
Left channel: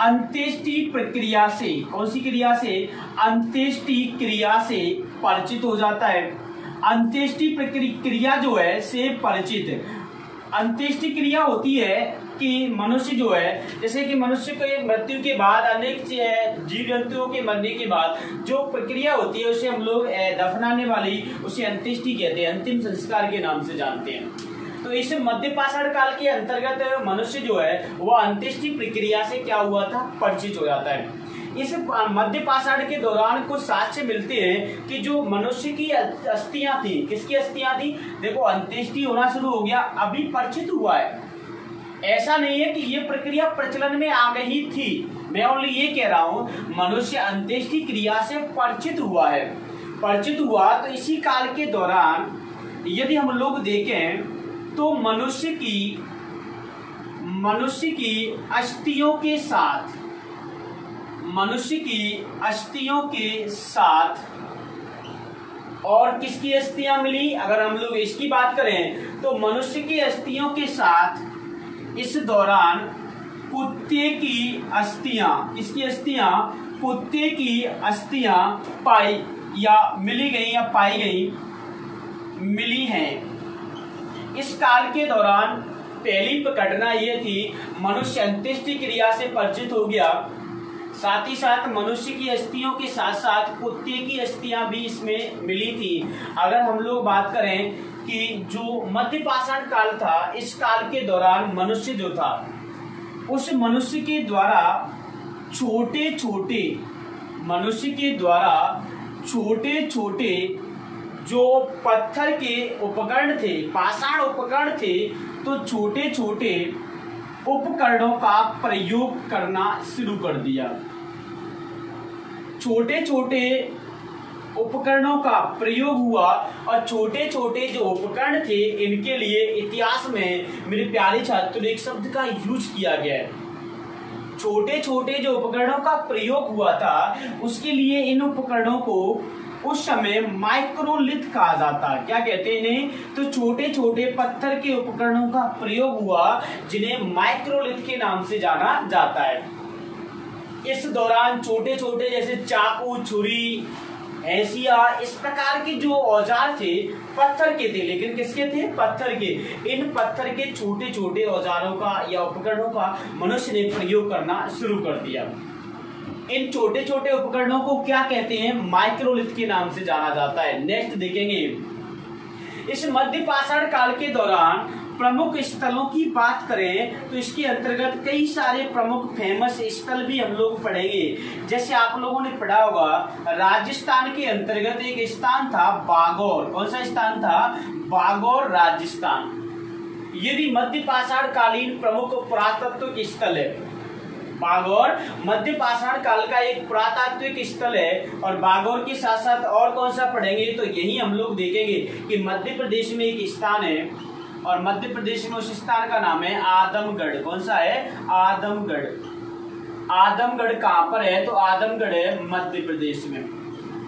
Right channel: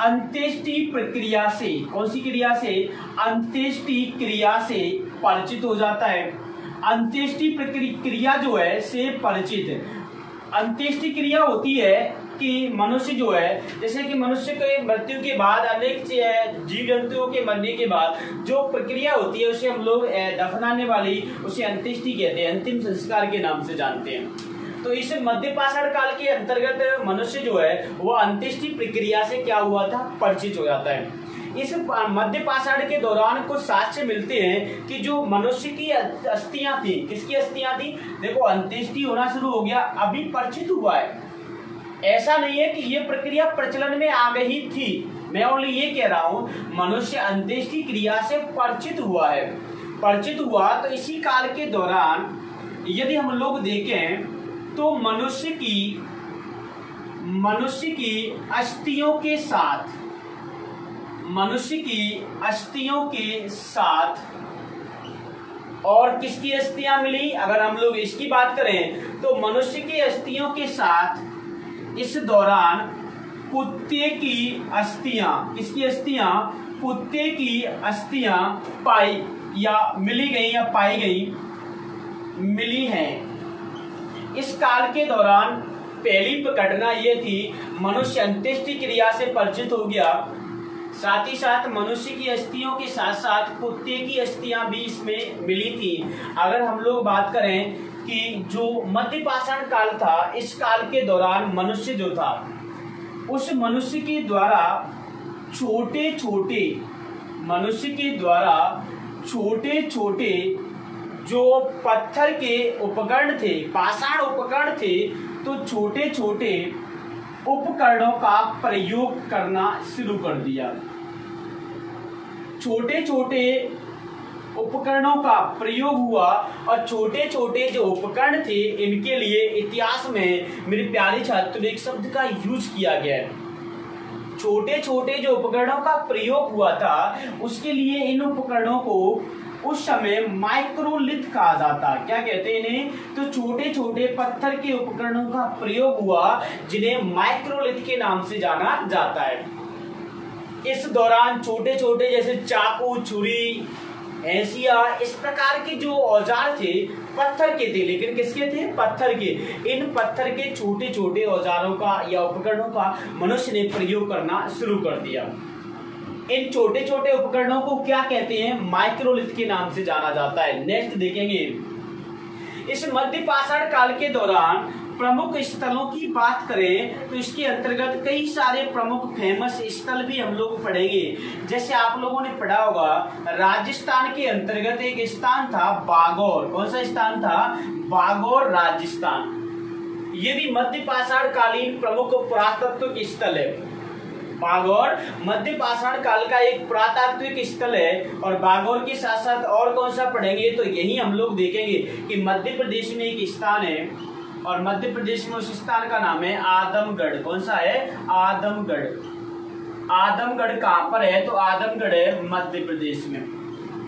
अंत्येष्टि प्रक्रिया से, कौन सी क्रिया से? अंत्येष्टि क्रिया से परिचित हो जाता है। अंत्येष्टि क्रिया जो है से परिचित। अंत्येष्टि क्रिया होती है कि मनुष्य जो है, जैसे कि मनुष्य के मृत्यु के बाद अनेक जीव जंतुओं के मरने के बाद जो प्रक्रिया होती है उसे हम लोग दफनाने वाली, उसे अंत्येष्टि कहते हैं, अंतिम संस्कार के नाम से जानते हैं। तो इस मध्य पाषाण काल के अंतर्गत मनुष्य जो है वो अंत्येष्टि प्रक्रिया से क्या हुआ था, परिचित हो जाता है। इस मध्य पाषाण के दौरान कुछ साक्ष्य मिलते हैं कि जो मनुष्य की अस्थियां थी, किसकी अस्थियां थी, देखो अंत्येष्टि होना शुरू हो गया, अभी परिचित हुआ है, ऐसा नहीं है कि ये प्रक्रिया प्रचलन में आ गई थी। मैं ओनली ये कह रहा हूं मनुष्य अंत्येष्टि क्रिया से परिचित हुआ है। परिचित हुआ तो इसी काल के दौरान यदि हम लोग देखें तो मनुष्य की अस्थियों के साथ और किसकी अस्थियां मिली, अगर हम लोग इसकी बात करें तो मनुष्य की अस्थियों के साथ इस दौरान कुत्ते की अस्थियां, किसकी अस्थियां, कुत्ते की अस्थियां पाई या मिली गई या पाई गई, मिली हैं। इस काल के दौरान पहली घटना ये थी, मनुष्य अंत्येष्टि क्रिया से परिचित हो गया, साथ ही साथ मनुष्य की अस्थियों के साथ साथ कुत्ते की अस्थियां भी इसमें मिली थी। अगर हम लोग बात करें कि जो मध्य पाषाण काल था, इस काल के दौरान मनुष्य जो था उस मनुष्य के द्वारा छोटे छोटे जो पत्थर के उपकरण थे, पाषाण उपकरण थे, तो छोटे छोटे उपकरणों का प्रयोग करना शुरू कर दिया। छोटे छोटे उपकरणों का प्रयोग हुआ और छोटे छोटे जो उपकरण थे इनके लिए इतिहास में मेरे प्यारे छात्रों एक शब्द का यूज किया गया है। छोटे छोटे जो उपकरणों का प्रयोग हुआ था उसके लिए इन उपकरणों को उस समय माइक्रोलिथ कहा जाता है। क्या कहते हैं इन्हें, तो छोटे छोटे पत्थर के उपकरणों का प्रयोग हुआ जिन्हें माइक्रोलिथ के नाम से जाना जाता है। इस दौरान छोटे छोटे जैसे चाकू, छुरी, हैंसिया, इस प्रकार के जो औजार थे पत्थर के थे, लेकिन किसके थे, पत्थर के। इन पत्थर के छोटे छोटे औजारों का या उपकरणों का मनुष्य ने प्रयोग करना शुरू कर दिया। इन छोटे छोटे उपकरणों को क्या कहते हैं, माइक्रोलिथ के नाम से जाना जाता है। नेक्स्ट देखेंगे, इस मध्य पाषाण काल के दौरान प्रमुख स्थलों की बात करें तो इसके अंतर्गत कई सारे प्रमुख फेमस स्थल भी हम लोग पढ़ेंगे। जैसे आप लोगों ने पढ़ा होगा राजस्थान के अंतर्गत एक स्थान था बागौर। कौन सा स्थान था, बागौर, राजस्थान। ये भी मध्य पाषाण कालीन प्रमुख पुरातत्व स्थल है। बागौर मध्य पाषाण काल का एक पुरातात्विक स्थल है। और बागौर के साथ साथ और कौन सा पढ़ेंगे तो यही हम लोग देखेंगे कि मध्य प्रदेश में एक स्थान है और मध्य प्रदेश में उस स्थान का नाम है आदमगढ़। कौन सा है, आदमगढ़। आदमगढ़ कहाँ पर है, तो आदमगढ़ है मध्य प्रदेश में।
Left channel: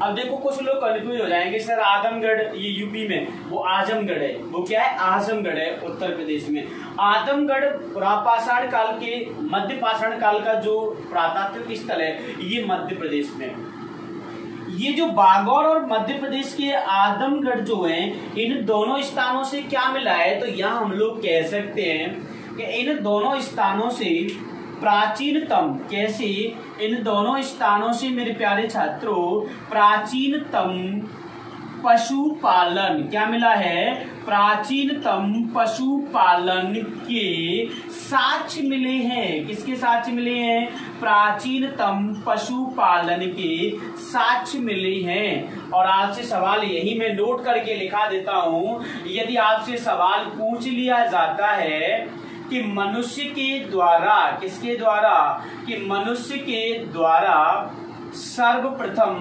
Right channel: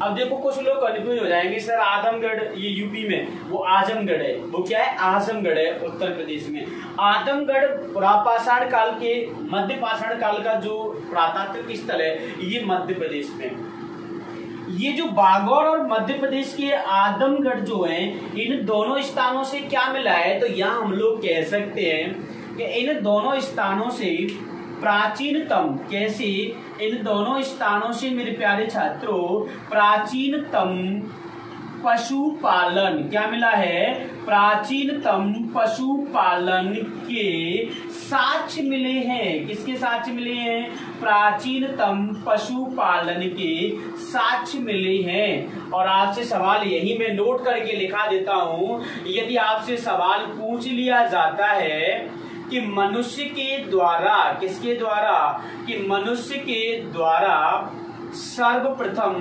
अब देखो कुछ लोग कंफ्यूज हो जाएंगे, सर आदमगढ़ ये यूपी में, वो आजमगढ़ है। वो क्या है, आजमगढ़ है उत्तर प्रदेश में। आदमगढ़ पुरापाषाण काल के, मध्य पाषाण काल का जो पुरातात्विक स्थल है ये मध्य प्रदेश में। ये जो बागौर और मध्य प्रदेश के आदमगढ़ जो है, इन दोनों स्थानों से क्या मिला है, तो यहाँ हम लोग कह सकते हैं कि इन दोनों स्थानों से प्राचीनतम, कैसे, इन दोनों स्थानों से मेरे प्यारे छात्रों प्राचीनतम पशुपालन, क्या मिला है, प्राचीनतम पशुपालन के साक्ष्य मिले हैं। किसके साक्ष्य मिले हैं, प्राचीनतम पशुपालन के साक्ष्य मिले हैं। और आपसे सवाल यही मैं नोट करके लिखा देता हूं, यदि आपसे सवाल पूछ लिया जाता है कि मनुष्य के द्वारा, किसके द्वारा, कि मनुष्य के द्वारा सर्वप्रथम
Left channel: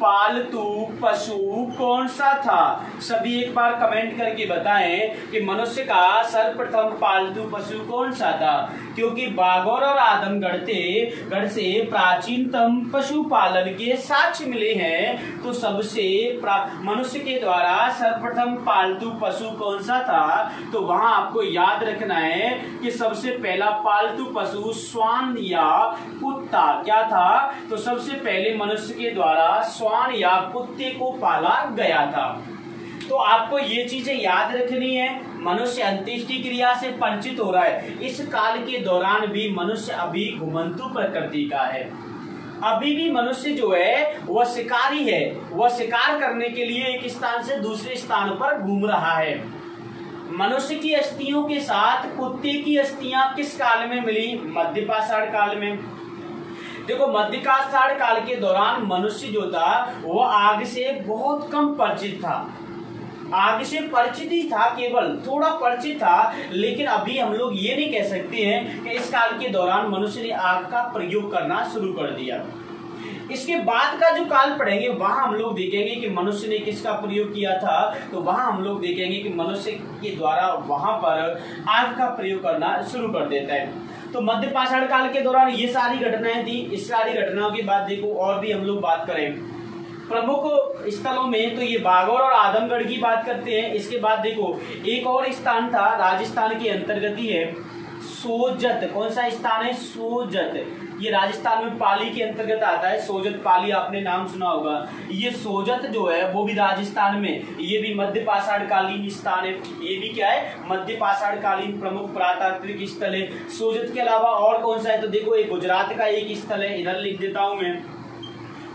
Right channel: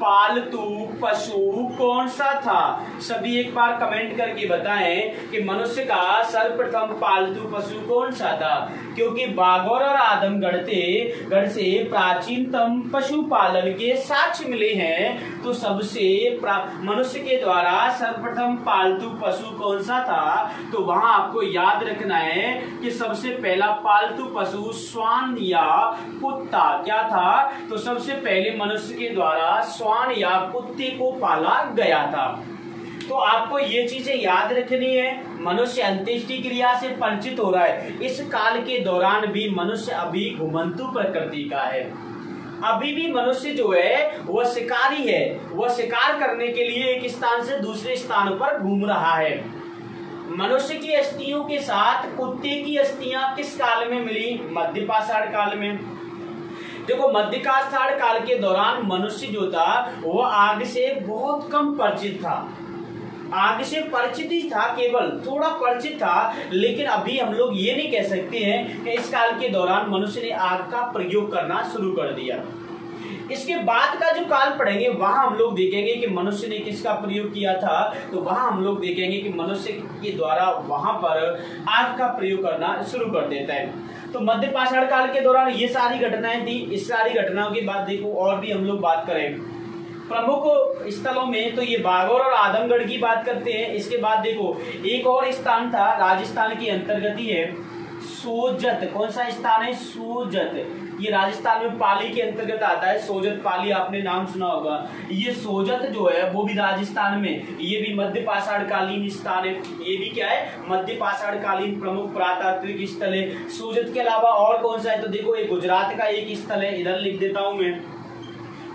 पालतू पशु कौन सा था। सभी एक बार कमेंट करके बताएं कि मनुष्य का सर्वप्रथम पालतू पशु कौन सा था, क्योंकि बागौर और आदमगढ़ से प्राचीनतम पशुपालन के साक्ष्य मिले हैं। तो सबसे मनुष्य के द्वारा सर्वप्रथम पालतू पशु कौन सा था, तो वहां आपको याद रखना है कि सबसे पहला पालतू पशु श्वान या कुत्ता क्या था, तो सबसे पहले मनुष्य के द्वारा श्वान या कुत्ते को पाला गया था। तो आपको ये चीजें याद रखनी है। मनुष्य अंत्येष्टि क्रिया से परिचित हो रहा है। इस काल के दौरान भी मनुष्य अभी घुमंतु प्रकृति का है। अभी भी मनुष्य जो है वह शिकारी है, वह शिकार करने के लिए एक स्थान से दूसरे स्थान पर घूम रहा है। मनुष्य की अस्थियों के साथ कुत्ते की अस्थियां किस काल में मिली? मध्य पाषाण काल में। देखो, मध्य पाषाण काल के दौरान मनुष्य जो था वह आग से बहुत कम परिचित था। आग से परिचित ही था, केवल थोड़ा परिचित था, लेकिन अभी हम लोग ये नहीं कह सकते हैं कि इस काल के दौरान मनुष्य ने आग का प्रयोग करना शुरू कर दिया। इसके बाद का जो काल पढ़ेंगे वहां हम लोग देखेंगे कि मनुष्य ने किसका प्रयोग किया था। तो वहां हम लोग देखेंगे कि मनुष्य के द्वारा वहां पर आग का प्रयोग करना शुरू कर देता है। तो मध्य पाषाण काल के दौरान ये सारी घटनाएं थी। इस सारी घटनाओं के बाद देखो और भी हम लोग बात करें प्रमुख स्थलों में, तो ये बागौर और आदमगढ़ की बात करते हैं। इसके बाद देखो एक और स्थान था राजस्थान के अंतर्गत ही है, सोजत। कौन सा स्थान है? सोजत। ये राजस्थान में पाली के अंतर्गत आता है। सोजत पाली आपने नाम सुना होगा। ये सोजत जो है वो भी राजस्थान में, ये भी मध्य पाषाण कालीन स्थान है। ये भी क्या है? मध्य पाषाण कालीन प्रमुख पुरातात्विक स्थल है। सोजत के अलावा और कौन सा है? तो देखो एक गुजरात का एक स्थल है, इधर लिख देता हूं मैं।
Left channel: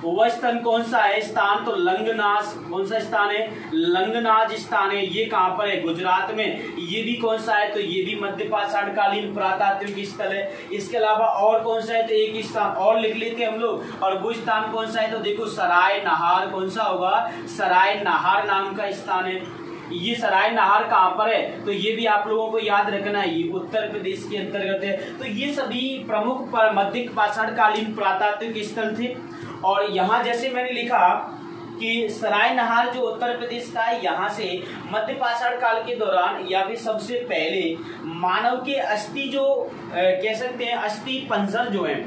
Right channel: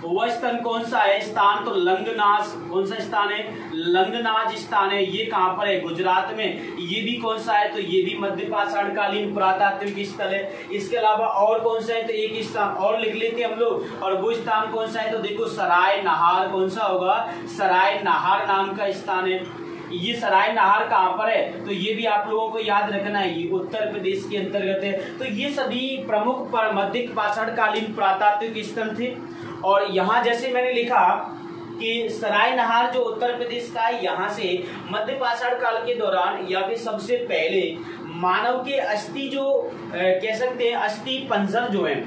वह स्थान कौन सा है? स्थान तो लंगनाज। कौन सा स्थान है? लंगनाज स्थान है। ये कहां पर है? गुजरात में। ये भी कौन सा है? तो ये भी मध्य पाषाण कालीन पुरातात्विक स्थल है। इसके अलावा और कौन सा है? तो एक स्थान और लिख लेते हैं हम लोग। और वो स्थान कौन सा है? तो देखो सराय नहार। कौन सा होगा? सराय नहार नाम का स्थान है। ये सराय नहार कहां पर है? तो ये भी आप लोगों को याद रखना है, ये उत्तर प्रदेश के अंतर्गत है। तो ये सभी प्रमुख मध्य पाषाण कालीन पुरातात्विक स्थल थे। और यहाँ जैसे मैंने लिखा कि सराय नहार जो उत्तर प्रदेश का है, यहाँ से मध्य पाषाण काल के दौरान या फिर सबसे पहले मानव के अस्थि जो कह सकते हैं अस्थि पंजर जो है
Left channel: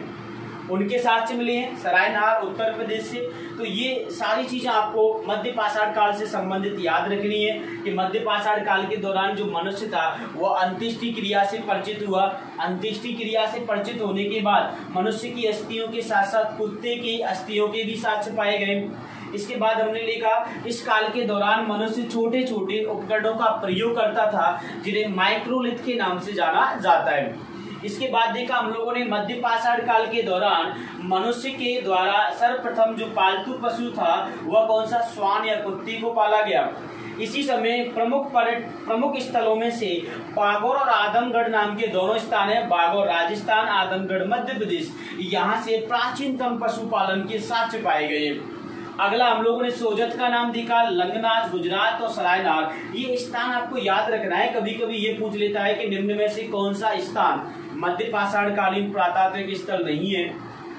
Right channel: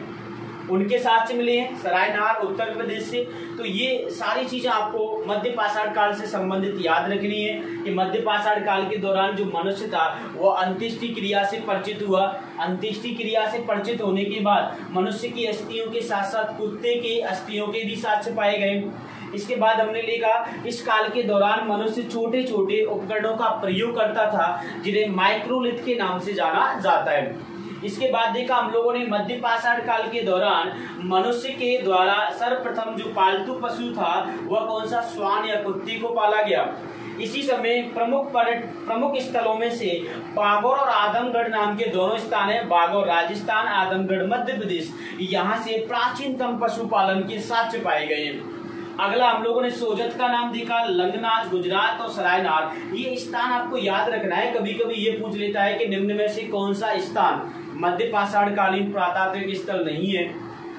उनके साक्ष्य मिले हैं सराय नहार उत्तर प्रदेश से। तो ये सारी चीजें आपको मध्य पाषाण काल से संबंधित याद रखनी है कि मध्य पाषाण काल के दौरान जो मनुष्य था वह अंत्येष्टि क्रिया से परिचित हुआ। अंत्येष्टि क्रिया से परिचित होने के बाद मनुष्य की अस्थियों के साथ साथ कुत्ते की अस्थियों के भी साक्ष्य पाए गए। इसके बाद हमने देखा इस काल के दौरान मनुष्य छोटे छोटे उपकरणों का प्रयोग करता था जिन्हें माइक्रोलिथ के नाम से जाना जाता है। इसके बाद देखा हम लोगों ने मध्य पाषाण काल के दौरान मनुष्य के द्वारा सर्वप्रथम जो पालतू पशु था वह कौन सा? श्वान या कुत्ते को पाला गया। इसी समय प्रमुख स्थलों में से बागौर और आदमगढ़ नाम के दोनों स्थान है। बागौर राजस्थान, आदमगढ़ मध्य प्रदेश। यहाँ से प्राचीनतम पशुपालन के साक्ष्य पाए गए। अगला हम लोगों ने सोजत का नाम देखा, लंगनाज गुजरात और सरायनार। ये स्थान आपको याद रखना है। कभी कभी ये पूछ लेता है कि निम्न में से कौन सा स्थान मध्य पाषाण कालीन पुरातात्विक स्थल नहीं है,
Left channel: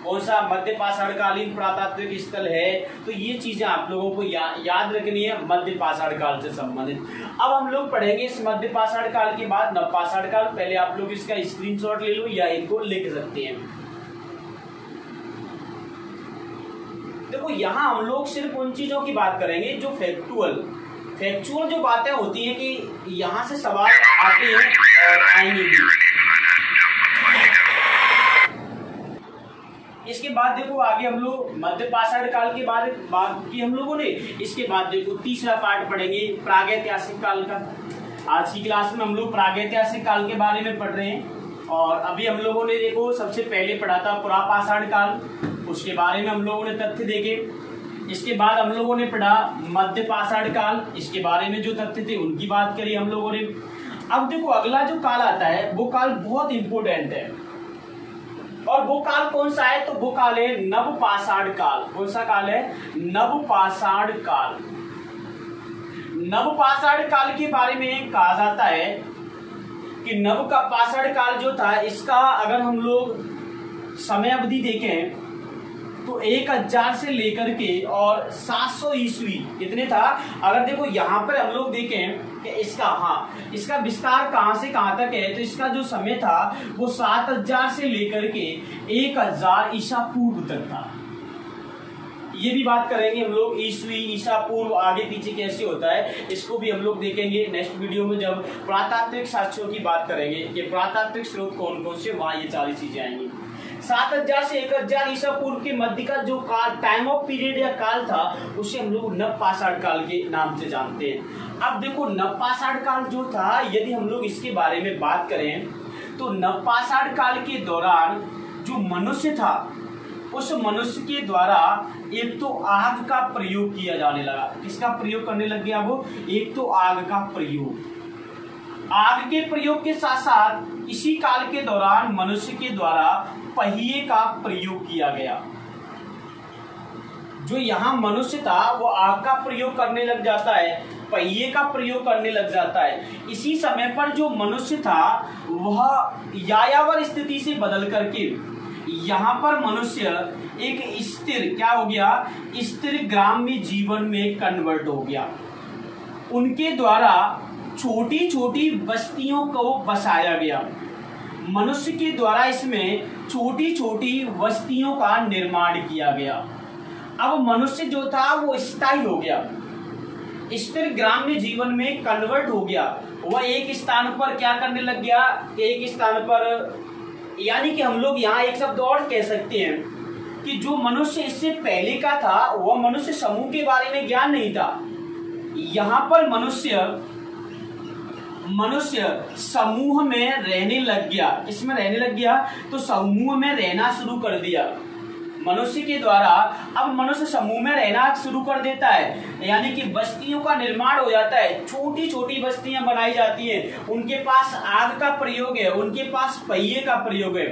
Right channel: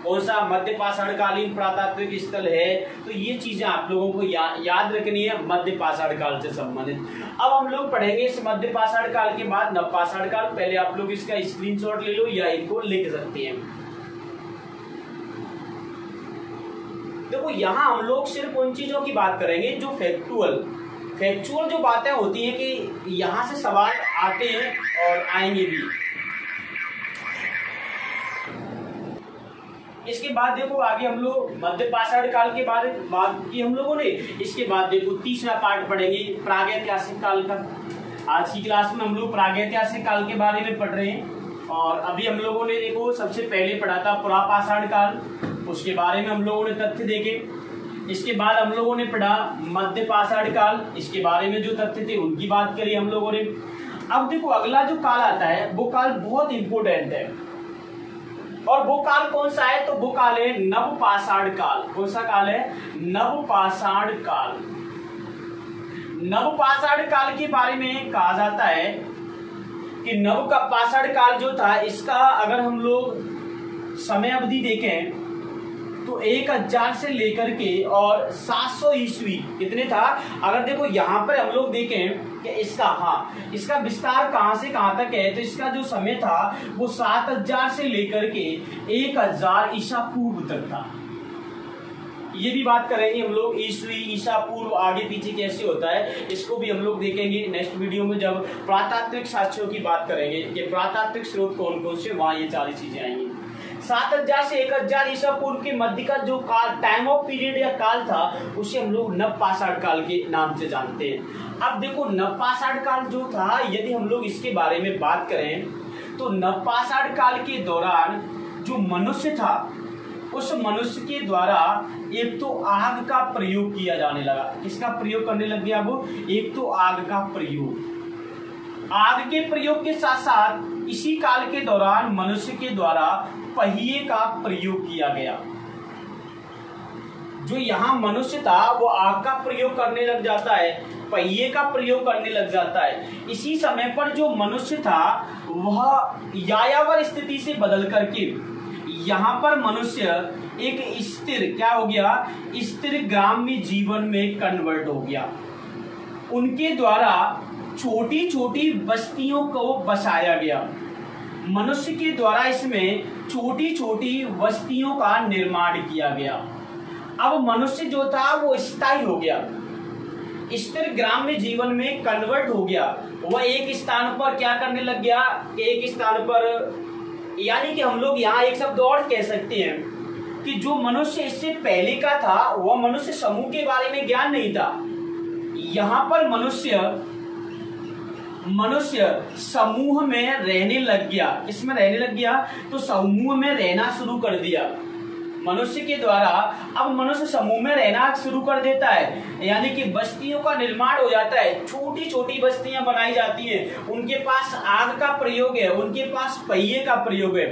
कौन सा मध्य पाषाण कालीन पुरातात्विक स्थल है। तो ये चीजें आप लोगों को याद रखनी है मध्य पाषाण काल से संबंधित। अब हम लोग पढ़ेंगे इस मध्य पाषाण काल के बाद नव पाषाण काल। पहले आप लोग इसका स्क्रीनशॉट ले लो या इनको लिख सकते हैं। देखो यहाँ हम लोग सिर्फ उन चीजों की बात करेंगे जो फैक्चुअल जो बातें होती हैं कि यहाँ से सवाल आते हैं और आएंगे भी। इसके बाद देखो आगे हम लोग मध्य पाषाण काल के बारे में बात की हम लोगों ने। इसके बाद देखो तीसरा पार्ट पढ़ेंगे प्रागैतिहासिक काल का। आज की क्लास में हम लोग प्रागैतिहासिक काल के बारे में पढ़ रहे हैं। और अभी हम लोगों ने देखो सबसे पहले पढ़ा था पुरापाषाण काल, उसके बारे में हम लोगों ने तथ्य देखे। इसके बाद हम लोगों ने पढ़ा मध्य पाषाण काल, इसके बारे में जो तथ्य थे उनकी बात करी हम लोगों ने। अब देखो अगला जो काल आता है वो काल बहुत इंपोर्टेंट है। और वो काल कौन सा है? तो वो काल है नवपाषाण काल। कौन सा काल है? नवपाषाण काल। नवपाषाण काल के बारे में कहा जाता है कि नवपाषाण काल जो था इसका अगर हम लोग समय अवधि देखें तो 1000 से लेकर के और 700 ईस्वी कितने था। अगर देखो यहाँ पर हम लोग देखें कि इसका विस्तार कहां से कहां तक है, तो इसका जो समय था वो 7000 से लेकर के 1000 ईसा पूर्व तक था। ये भी बात करेंगे हम लोग ईस्वी ईसा पूर्व आगे पीछे कैसे होता है, इसको भी हम लोग देखेंगे नेक्स्ट वीडियो में जब पुरातात्विक साक्ष्यों की बात करेंगे कि पुरातात्विक स्रोत कौन कौन से, वहां ये सारी चीजें आएंगी। 7000 से 1000 ईसा पूर्व के मध्य का जो काल, टाइम ऑफ पीरियड या काल था, उसे हम लोग नवपाषाण काल के नाम से जानते हैं। अब देखो नवपाषाण काल जो था, यदि हम लोग इसके बारे में बात करें तो नवपाषाण काल के दौरान जो मनुष्य था, उस मनुष्य के द्वारा एक तो आग का प्रयोग किया जाने लगा। किसका प्रयोग करने लग गया वो? एक तो आग का प्रयोग। आग के प्रयोग के साथ साथ इसी काल के दौरान मनुष्य के द्वारा पहिए का प्रयोग किया गया। जो यहाँ मनुष्य था वो आग का प्रयोग करने लग जाता है, पहिए का प्रयोग करने लग जाता है। इसी समय पर जो मनुष्य था वह यायावर स्थिति से बदल करके यहाँ पर मनुष्य एक स्थिर, क्या हो गया? स्थिर ग्राम्य जीवन में कन्वर्ट हो गया। उनके द्वारा छोटी छोटी बस्तियों को बसाया गया। मनुष्य के द्वारा इसमें छोटी छोटी बस्तियों का निर्माण किया गया। अब मनुष्य जो था वो स्थायी हो गया, स्थिर ग्राम्य जीवन में कन्वर्ट हो गया। वह एक स्थान पर क्या करने लग गया? एक स्थान पर, यानी कि हम लोग यहाँ एक शब्द और कह सकते हैं कि जो मनुष्य इससे पहले का था वह मनुष्य समूह के बारे में ज्ञान नहीं था। यहाँ पर मनुष्य समूह में रहने लग गया। इसमें रहने लग गया तो समूह में रहना शुरू कर दिया मनुष्य के द्वारा। अब मनुष्य समूह में रहना शुरू कर देता है, यानी कि बस्तियों का निर्माण हो जाता है। छोटी छोटी बस्तियां बनाई जाती हैं। उनके पास आग का प्रयोग है, उनके पास पहिए का प्रयोग है।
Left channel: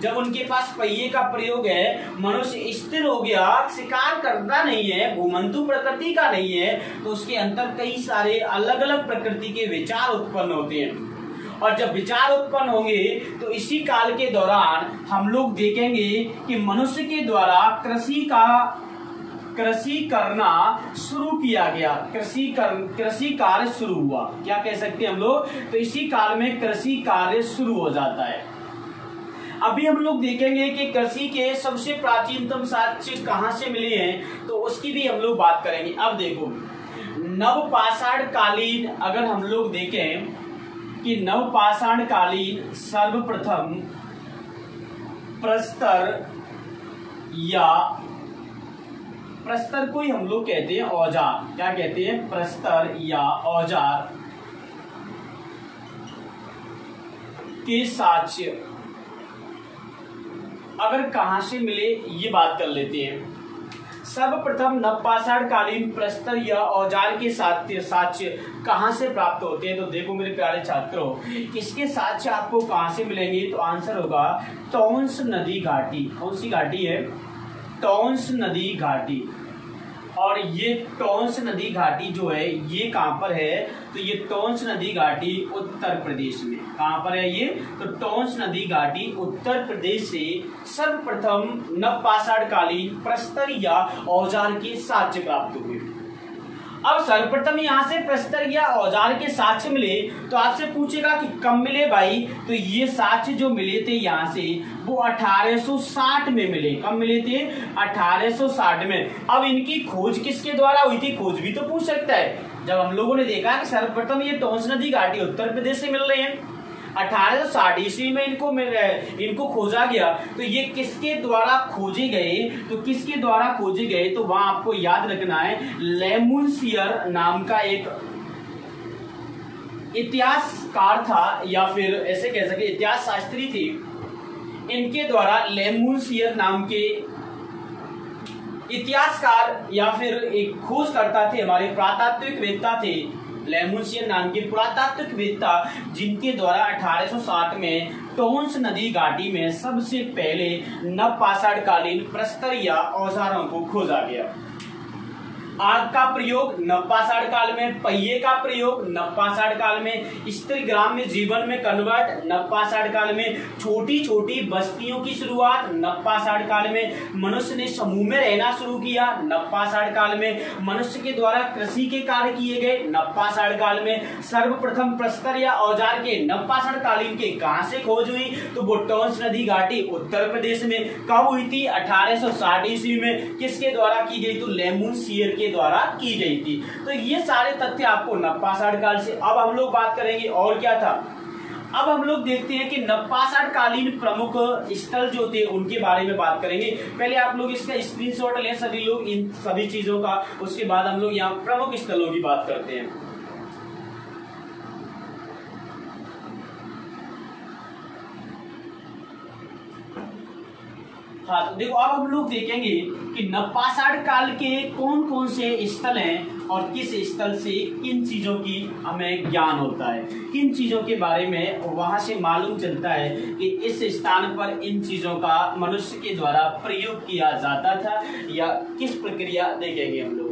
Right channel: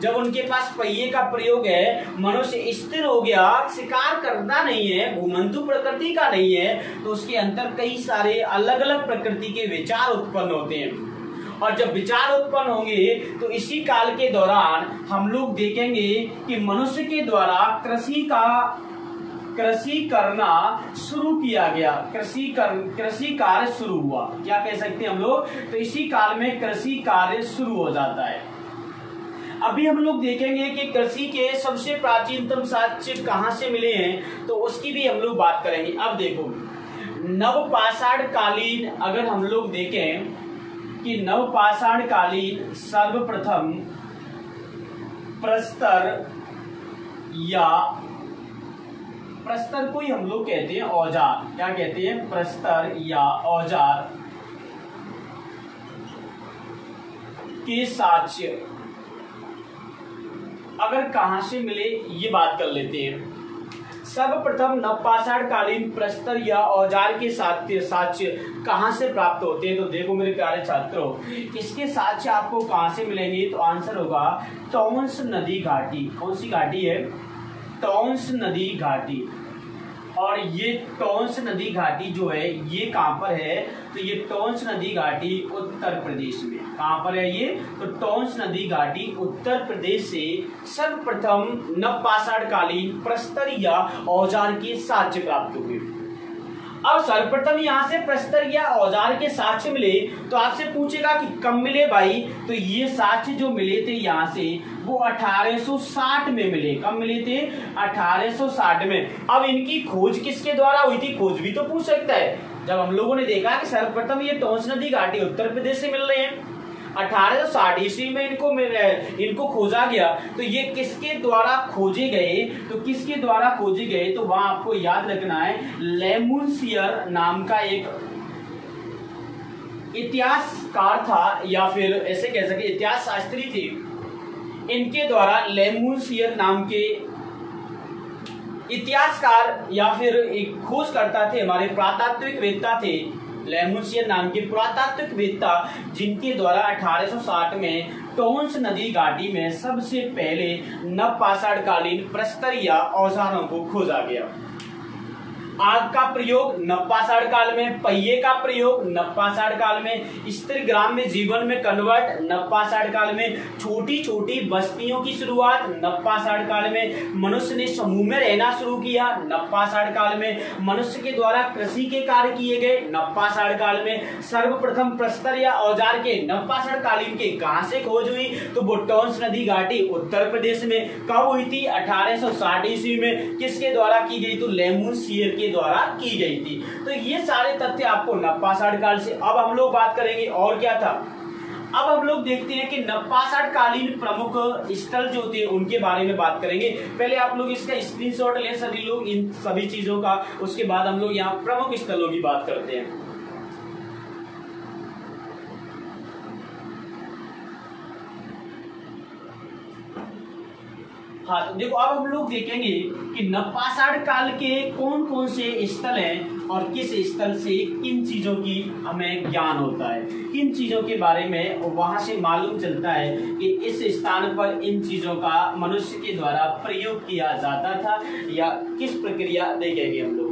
जब उनके पास पहिए का प्रयोग है, मनुष्य स्थिर हो गया, शिकार करना नहीं है, घुमंतु प्रकृति का नहीं है, तो उसके अंदर कई सारे अलग अलग प्रकृति के विचार उत्पन्न होते हैं। और जब विचार उत्पन्न होंगे तो इसी काल के दौरान हम लोग देखेंगे कि मनुष्य के द्वारा कृषि करना शुरू किया गया। कृषि कार्य शुरू हुआ, क्या कह सकते हैं हम लोग? तो इसी काल में कृषि कार्य शुरू हो जाता है। अभी हम लोग देखेंगे कि कृषि के सबसे प्राचीनतम साक्ष्य कहाँ से मिले हैं, तो उसकी भी हम लोग बात करेंगे। अब देखो नवपाषाण कालीन, अगर हम लोग देखें कि नवपाषाण कालीन सर्वप्रथम प्रस्तर को ही हम लोग कहते हैं औजार। क्या कहते हैं? प्रस्तर या औजार के साक्ष्य अगर कहां से मिले ये बात कर लेते हैं। सर्वप्रथम नवपाषाण कालीन प्रस्तर या औजार के साक्ष्य कहां से प्राप्त होते हैं? तो देखो मेरे प्यारे छात्रों, इसके साक्ष्य आपको कहां से मिलेंगे? तो आंसर होगा टॉन्स नदी घाटी। कौन सी घाटी है? टॉन्स नदी घाटी। और ये टॉन्स नदी घाटी जो है ये कहां पर है? तो ये टॉन्स नदी घाटी उत्तर प्रदेश में। कहां पर है ये? तो टॉन्स नदी घाटी उत्तर प्रदेश से सर्वप्रथम नवपाषाण कालीन प्रस्तर या औजार के साक्ष्य प्राप्त हुए। अब सर्वप्रथम यहाँ से प्रस्तर या औजार के साक्ष्य मिले तो आपसे पूछेगा कि कब मिले भाई? तो ये साक्ष्य जो मिले थे यहाँ से वो 1860 में मिले। कब मिले थे? 1860 में। अब इनकी खोज किसके द्वारा हुई थी? खोज भी तो पूछ सकता है। जब हम लोगों ने देखा कि सर्वप्रथम ये टॉन्स नदी घाटी उत्तर प्रदेश से मिल रहे हैं, 1860 ईस्वी में इनको खोजा गया, तो ये किसके द्वारा खोजे गए? तो किसके द्वारा खोजे गए? तो वहां आपको याद रखना है, लेमुनशियर नाम का एक इतिहासकार था, या फिर ऐसे कह सके इतिहास शास्त्री थे। इनके द्वारा लेमुनशियर नाम के इतिहासकार या फिर एक खोजकर्ता थे, हमारे पुरातात्विकवेत्ता थे। लेमुनशियर नाम के पुरातात्विकवेत्ता, जिनके द्वारा 1860 में टॉन्स नदी घाटी में सबसे पहले नवपाषाण कालीन प्रस्तर या औजारों को खोजा गया। आग का प्रयोग नवपाषाण काल में, पहिए का प्रयोग नवपाषाण काल में, स्थिर ग्राम्य जीवन में कन्वर्ट नवपाषाण काल में, छोटी छोटी बस्तियों की शुरुआत नवपाषाण काल में, मनुष्य ने समूह में रहना शुरू किया नवपाषाण काल में, मनुष्य के द्वारा कृषि के कार्य किए गए नवपाषाण काल में, सर्वप्रथम प्रस्तर या औजार के नवपाषाण कालीन के कहां से खोज हुई? तो वो टॉन्स नदी घाटी उत्तर प्रदेश में। कब हुई थी? 1860 ईस्वी में। किसके द्वारा की गई? तो लेमुनशियर के द्वारा की गई थी। तो ये सारे तथ्य आपको नवपाषाण काल से। अब हम लोग बात करेंगे और क्या था? अब हम लोग देखते हैं कि नवपाषाण कालीन प्रमुख स्थल जो थे उनके बारे में बात करेंगे। पहले आप लोग इसका स्क्रीनशॉट लें सभी लोग इन सभी चीजों का, उसके बाद हम लोग यहाँ प्रमुख स्थलों की बात करते हैं। हाँ, तो देखो अब हम लोग देखेंगे कि नवपाषाण काल के कौन कौन से स्थल हैं और किस स्थल से किन चीजों की हमें ज्ञान होता है, किन चीजों के बारे में वहां से मालूम चलता है कि इस स्थान पर इन चीजों का मनुष्य के द्वारा प्रयोग किया जाता था या किस प्रक्रिया देखेंगे हम लोग।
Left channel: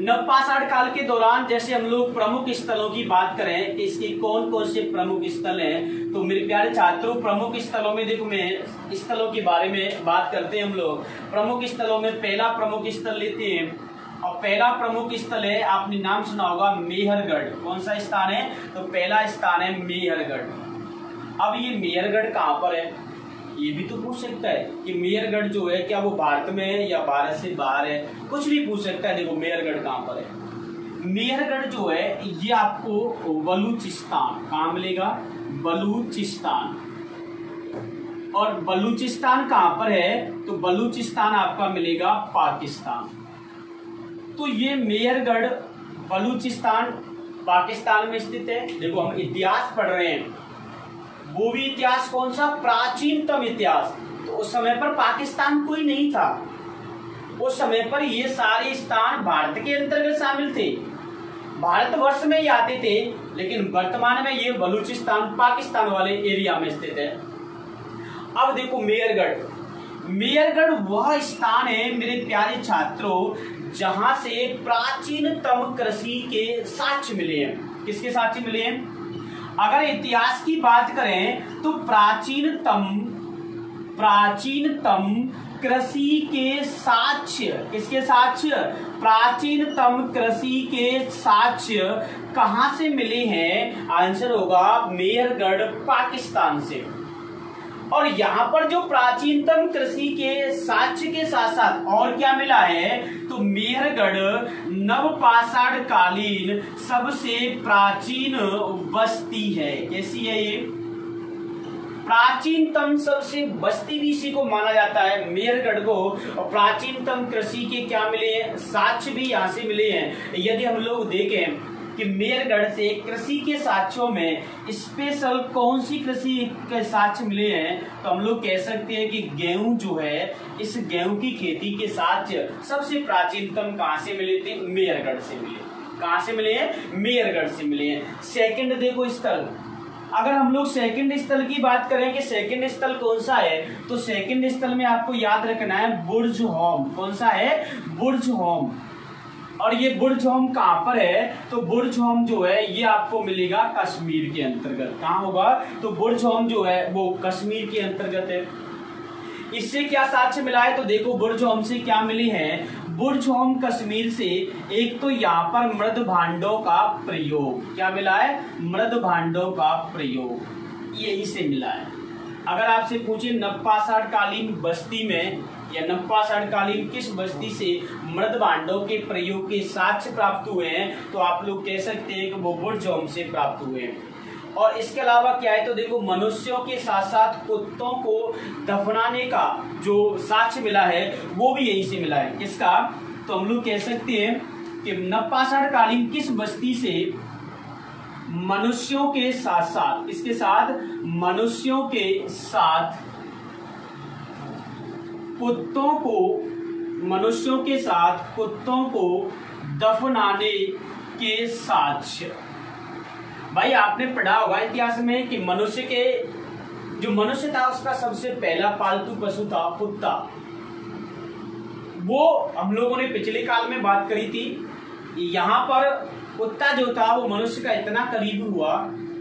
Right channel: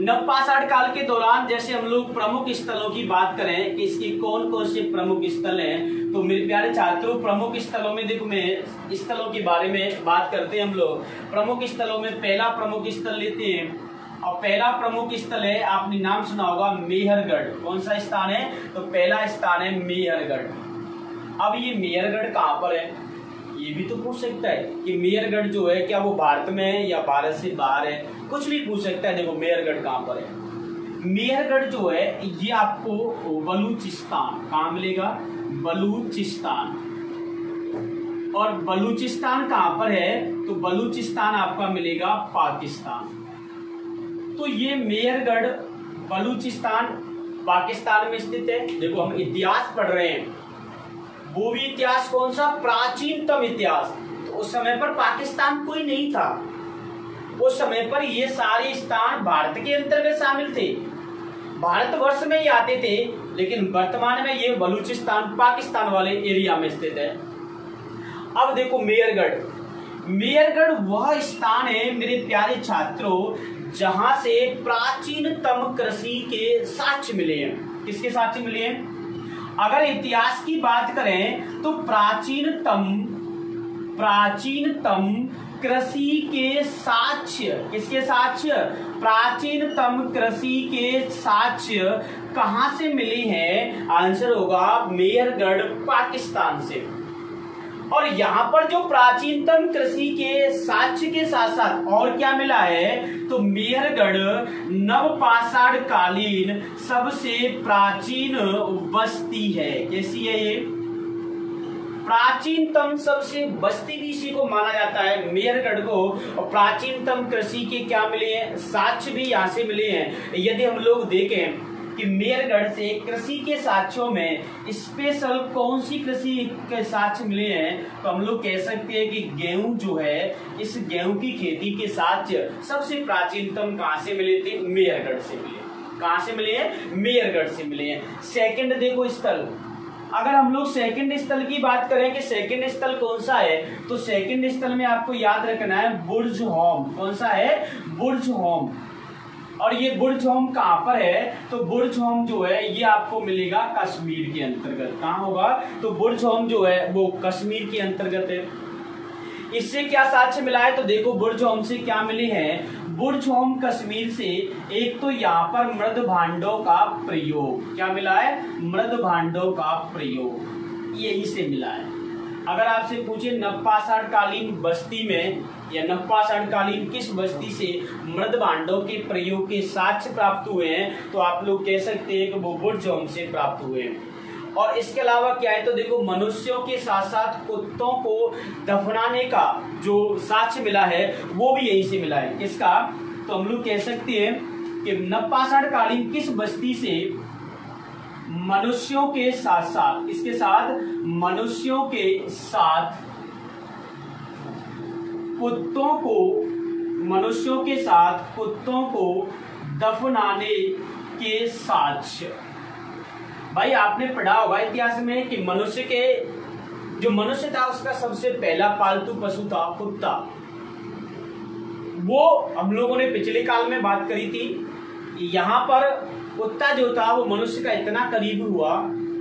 नवपाषाण काल के दौरान जैसे हम लोग प्रमुख स्थलों की बात करें कि इसके कौन कौन से प्रमुख स्थल हैं, तो मेरे प्यारे छात्रों प्रमुख स्थलों में देखो मैं स्थलों के बारे में बात करते हैं हम लोग। प्रमुख स्थलों में पहला प्रमुख स्थल लेते हैं और पहला प्रमुख स्थल है, आपने नाम सुना होगा मेहरगढ़। कौन सा स्थान है? तो पहला स्थान है मेहरगढ़। अब ये मेहरगढ़ कहाँ पर है ये भी तो पूछ सकता है कि मेहरगढ़ जो है क्या वो भारत में है या भारत से बाहर है, कुछ भी पूछ सकता है। देखो मेहरगढ़ कहाँ पर है। मेहरगढ़ जो है ये आपको बलूचिस्तान, कहाँ मिलेगा? बलूचिस्तान। और बलूचिस्तान कहाँ पर है? तो बलूचिस्तान आपका मिलेगा पाकिस्तान। तो ये मेहरगढ़ बलूचिस्तान पाकिस्तान में स्थित है। देखो हम इतिहास पढ़ रहे हैं, वो भी इतिहास कौन सा? प्राचीनतम इतिहास। तो उस समय पर पाकिस्तान कोई नहीं था, उस समय पर ये सारे स्थान भारत के अंतर्गत शामिल थे, भारतवर्ष में ही आते थे, लेकिन वर्तमान में ये बलूचिस्तान पाकिस्तान वाले एरिया में स्थित है। अब देखो मेहरगढ़, मेहरगढ़ वह स्थान है मेरे प्यारे छात्रों जहां से प्राचीनतम कृषि के साक्ष्य मिले हैं। किसके साक्ष्य मिले हैं? अगर इतिहास की बात करें तो प्राचीनतम कृषि के साक्ष्य, किसके साक्ष्य? प्राचीनतम कृषि के साक्ष्य कहां से मिले हैं? आंसर होगा मेहरगढ़ पाकिस्तान से। और यहाँ पर जो प्राचीनतम कृषि के साक्ष्य के साथ साथ और क्या मिला है? तो मेहरगढ़ नवपाषाण कालीन सबसे प्राचीन बस्ती है। कैसी है ये? प्राचीनतम सबसे बस्ती भी इसी को माना जाता है मेहरगढ़ को। और प्राचीनतम कृषि के क्या मिले हैं? साक्ष्य भी यहाँ से मिले हैं। यदि हम लोग देखें कि मेहरगढ़ से कृषि के साक्ष्यों में स्पेशल कौन सी कृषि के साक्ष्य मिले हैं, तो हम लोग कह सकते हैं कि गेहूं जो है, इस गेहूं की खेती के साक्ष्य सबसे प्राचीनतम कहां से मिले थे? मेहरगढ़ से मिले। कहां से मिले हैं? मेहरगढ़ से मिले हैं। सेकंड देखो स्थल, अगर हम लोग सेकंड स्थल की बात करें कि सेकंड स्थल कौन सा है, तो सेकंड स्थल में आपको याद रखना है बुर्ज़होम। कौन सा है? बुर्ज़होम। और ये बुर्ज़होम कहाँ पर है? तो बुर्ज़होम जो है ये आपको मिलेगा कश्मीर के अंतर्गत। कहाँ होगा? तो बुर्ज़होम जो है वो कश्मीर के अंतर्गत है। इससे क्या साक्ष्य मिला है? तो देखो बुर्ज़होम से क्या मिली है? बुर्ज़होम कश्मीर से एक तो यहाँ पर मृद भांडों का प्रयोग, क्या मिला है? मृद भांडों का प्रयोग, यही से मिला है। अगर आपसे पूछे नवपाषाण कालीन बस्ती में या नवपाषाण कालीन किस बस्ती से मृद भांडों के प्रयोग के साक्ष्य प्राप्त हुए हैं, तो आप लोग कह सकते हैं कि वो बुर्ज़होम से प्राप्त हुए हैं। और इसके अलावा क्या है? तो देखो मनुष्यों के साथ साथ कुत्तों को दफनाने का जो साक्ष्य मिला है वो भी यही से मिला है। किसका? तो हम लोग कह सकते हैं कि नवपाषाण कालीन किस बस्ती से मनुष्यों के साथ साथ, इसके साथ मनुष्यों के साथ कुत्तों को, मनुष्यों के साथ कुत्तों को दफनाने के साक्ष्य। भाई आपने पढ़ा होगा इतिहास में कि मनुष्य के, जो मनुष्य था उसका सबसे पहला पालतू पशु था कुत्ता। वो हम लोगों ने पिछले काल में बात करी थी। यहाँ पर कुत्ता जो था वो मनुष्य का इतना करीब हुआ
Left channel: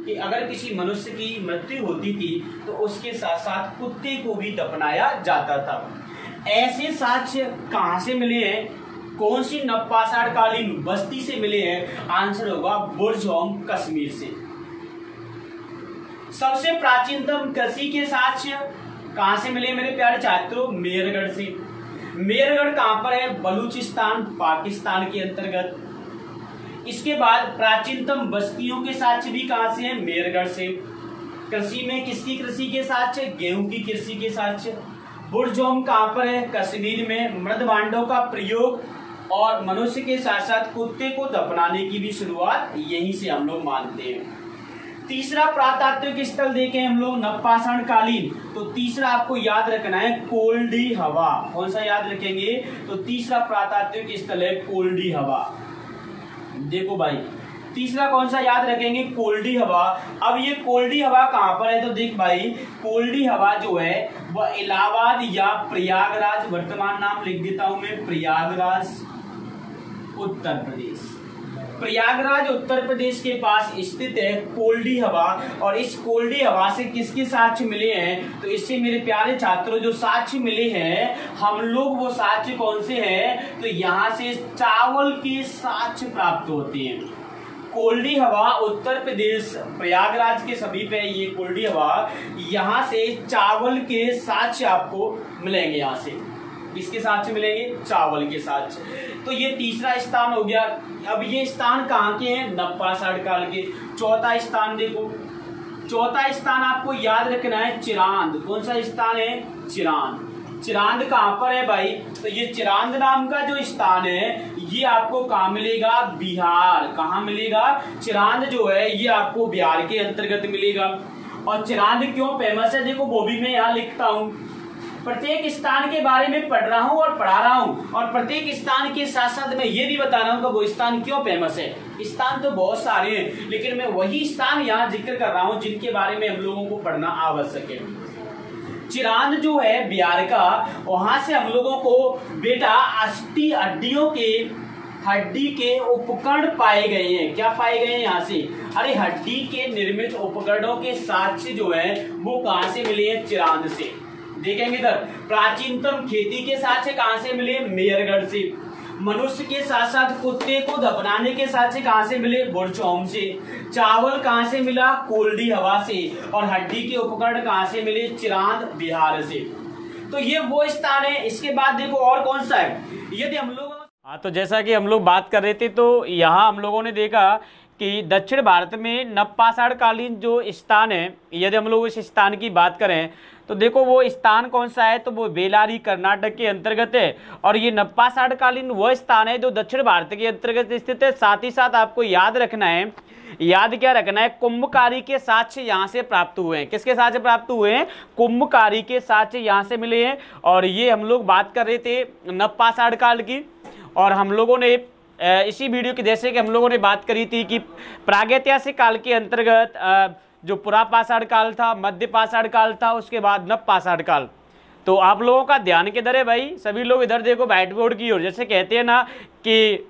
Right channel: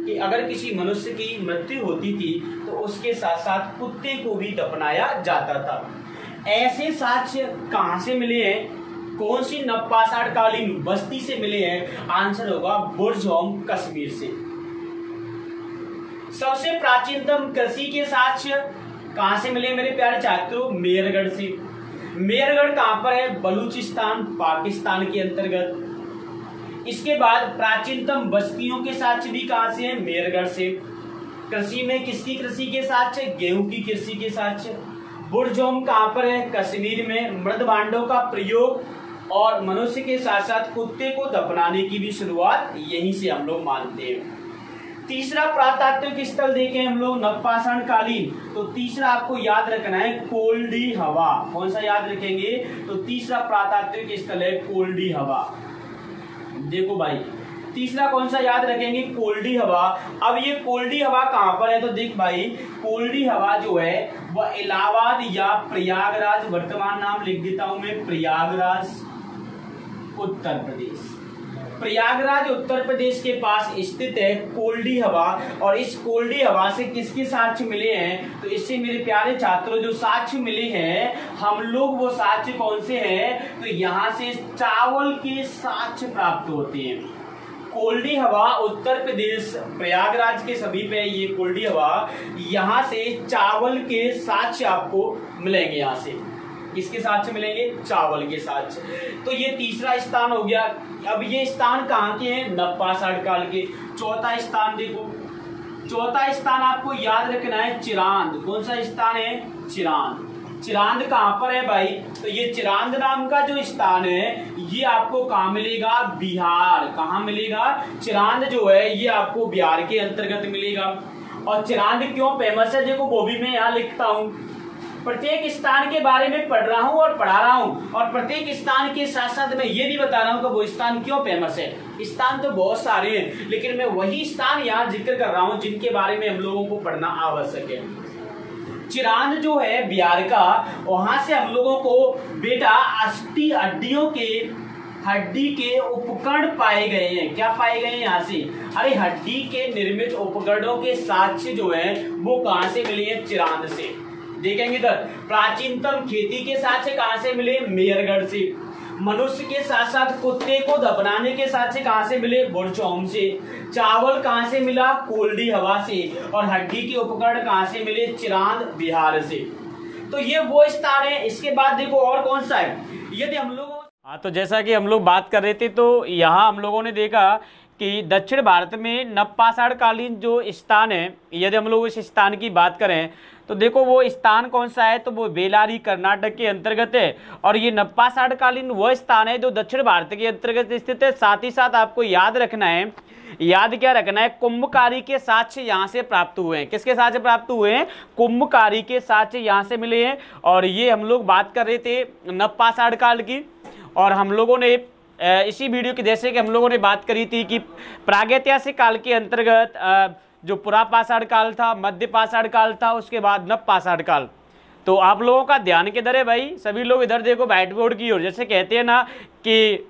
कि अगर किसी मनुष्य की मृत्यु होती थी तो उसके साथ साथ कुत्ते को भी दफनाया जाता था। ऐसे साक्ष्य कहां से मिले हैं? कौन सी नवपाषाण कालीन बस्ती से मिले हैं? आंसर होगा बुर्ज़होम कश्मीर से। सबसे प्राचीनतम कृषि के साक्ष्य कहां से मिले मेरे प्यारे छात्रों? मेहरगढ़ से। मेहरगढ़ कहां पर है? बलूचिस्तान पाकिस्तान के अंतर्गत। इसके बाद प्राचीनतम बस्तियों के साक्ष्य भी कहां से है? मेरगढ़ से। कृषि में किसकी कृषि के साक्ष्य? गेहूं की कृषि के साक्ष्य। बुरजोम कहां पर है? कश्मीर में। मृद भांडों का प्रयोग और मनुष्य के साथ साथ कुत्ते को दफनाने की भी शुरुआत यहीं से हम लोग मानते हैं। तीसरा पुरातात्विक स्थल देखें हम लोग नवपाषाण कालीन, तो तीसरा आपको याद रखना है कोल्डी हवा। कौन सा याद रखेंगे? तो तीसरा पुरातात्विक स्थल है कोल्डी हवा। देखो भाई, तीसरा कौन सा याद रखेंगे? कोल्डी हवा। अब ये कोल्डी हवा कहां पर है? तो देख भाई, कोल्डी हवा जो है वह इलाहाबाद या प्रयागराज, वर्तमान नाम लिख देता हूं मैं, प्रयागराज उत्तर प्रदेश। प्रयागराज उत्तर प्रदेश के पास स्थित है कोल्डी हवा। और इस कोल्डी हवा से किसके साक्ष्य मिले हैं? तो इससे मेरे प्यारे छात्रों जो साक्ष्य मिले हैं हम लोग, वो साक्ष्य कौन से हैं? तो यहाँ से चावल के साक्ष्य प्राप्त होते हैं। कोल्डी हवा उत्तर प्रदेश प्रयागराज के समीप है ये कोल्डी हवा। यहाँ से चावल के साक्ष्य आपको मिलेंगे। यहाँ से किसके साक्ष्य मिलेंगे? चावल के साक्ष्य। तो ये तीसरा स्थान हो गया। अब ये स्थान कहाँ के हैं? नवपाषाण काल के। चौथा स्थान देखो, चौथा स्थान आपको याद रखना है चिरांद। कौन सा स्थान है? चिरांद। चिरांद कहाँ पर है भाई? तो ये चिरांद नाम का जो स्थान है ये आपको कहाँ मिलेगा? बिहार। कहाँ मिलेगा? चिरांद जो है ये आपको बिहार के अंतर्गत मिलेगा। और चिरांद क्यों फेमस है देखो वो भी मैं यहाँ लिखता हूँ। प्रत्येक स्थान के बारे में पढ़ रहा हूँ और पढ़ा रहा हूँ, और प्रत्येक स्थान के साथ साथ मैं ये भी बता रहा हूँ कि वो स्थान क्यों फेमस है। स्थान तो बहुत सारे हैं, लेकिन मैं वही स्थान यहाँ जिक्र कर रहा हूँ जिनके बारे में हम लोगों को पढ़ना आवश्यक है। चिरांद जो है बिहार का, वहां से हम लोगों को बेटा अस्थि हड्डी के उपकरण पाए गए हैं। क्या पाए गए हैं यहाँ से? अरे हड्डी के निर्मित उपकरणों के साक्ष्य जो है वो कहाँ से मिले हैं? चिरांद से। देखेंगे इधर, प्राचीनतम खेती के साक्ष्य कहाँ से मिले? मेरगढ़ से। मनुष्य के साथ साथ कुत्ते को दफनाने के साक्ष्य कहाँ से मिले? बुरजोम से। चावल कहाँ से मिला? कोल्डी हवा से। और हड्डी के उपकरण कहाँ से मिले? चिरांद बिहार से। तो ये वो स्थान है। इसके बाद देखो और कौन सा है? यदि हम लोग तो जैसा कि हम लोग बात कर रहे थे, तो यहाँ हम लोगों ने देखा कि दक्षिण भारत में नवपाषाण कालीन जो स्थान है, यदि हम लोग इस स्थान की बात करें तो देखो वो स्थान कौन सा है? तो वो बेलारी कर्नाटक के अंतर्गत है। और ये नवपाषाण कालीन वह स्थान है जो दक्षिण भारत के अंतर्गत स्थित है। साथ ही साथ आपको याद रखना है, याद क्या रखना है? कुंभकारी के साक्ष्य यहाँ से प्राप्त हुए हैं। किसके साक्ष्य प्राप्त हुए हैं? कुंभकारी के साक्ष्य यहाँ से मिले हैं। और ये हम लोग बात कर रहे थे नवपाषाण काल की, और हम लोगों ने इसी वीडियो की जैसे कि हम लोगों ने बात करी थी कि प्रागैतिहासिक काल के अंतर्गत जो पुरापाषाण काल था, मध्य पाषाण काल था, उसके बाद नवपाषाण काल। तो आप लोगों का ध्यान किधर है भाई? सभी लोग इधर देखो व्हाइट बोर्ड की ओर। जैसे कहते हैं ना कि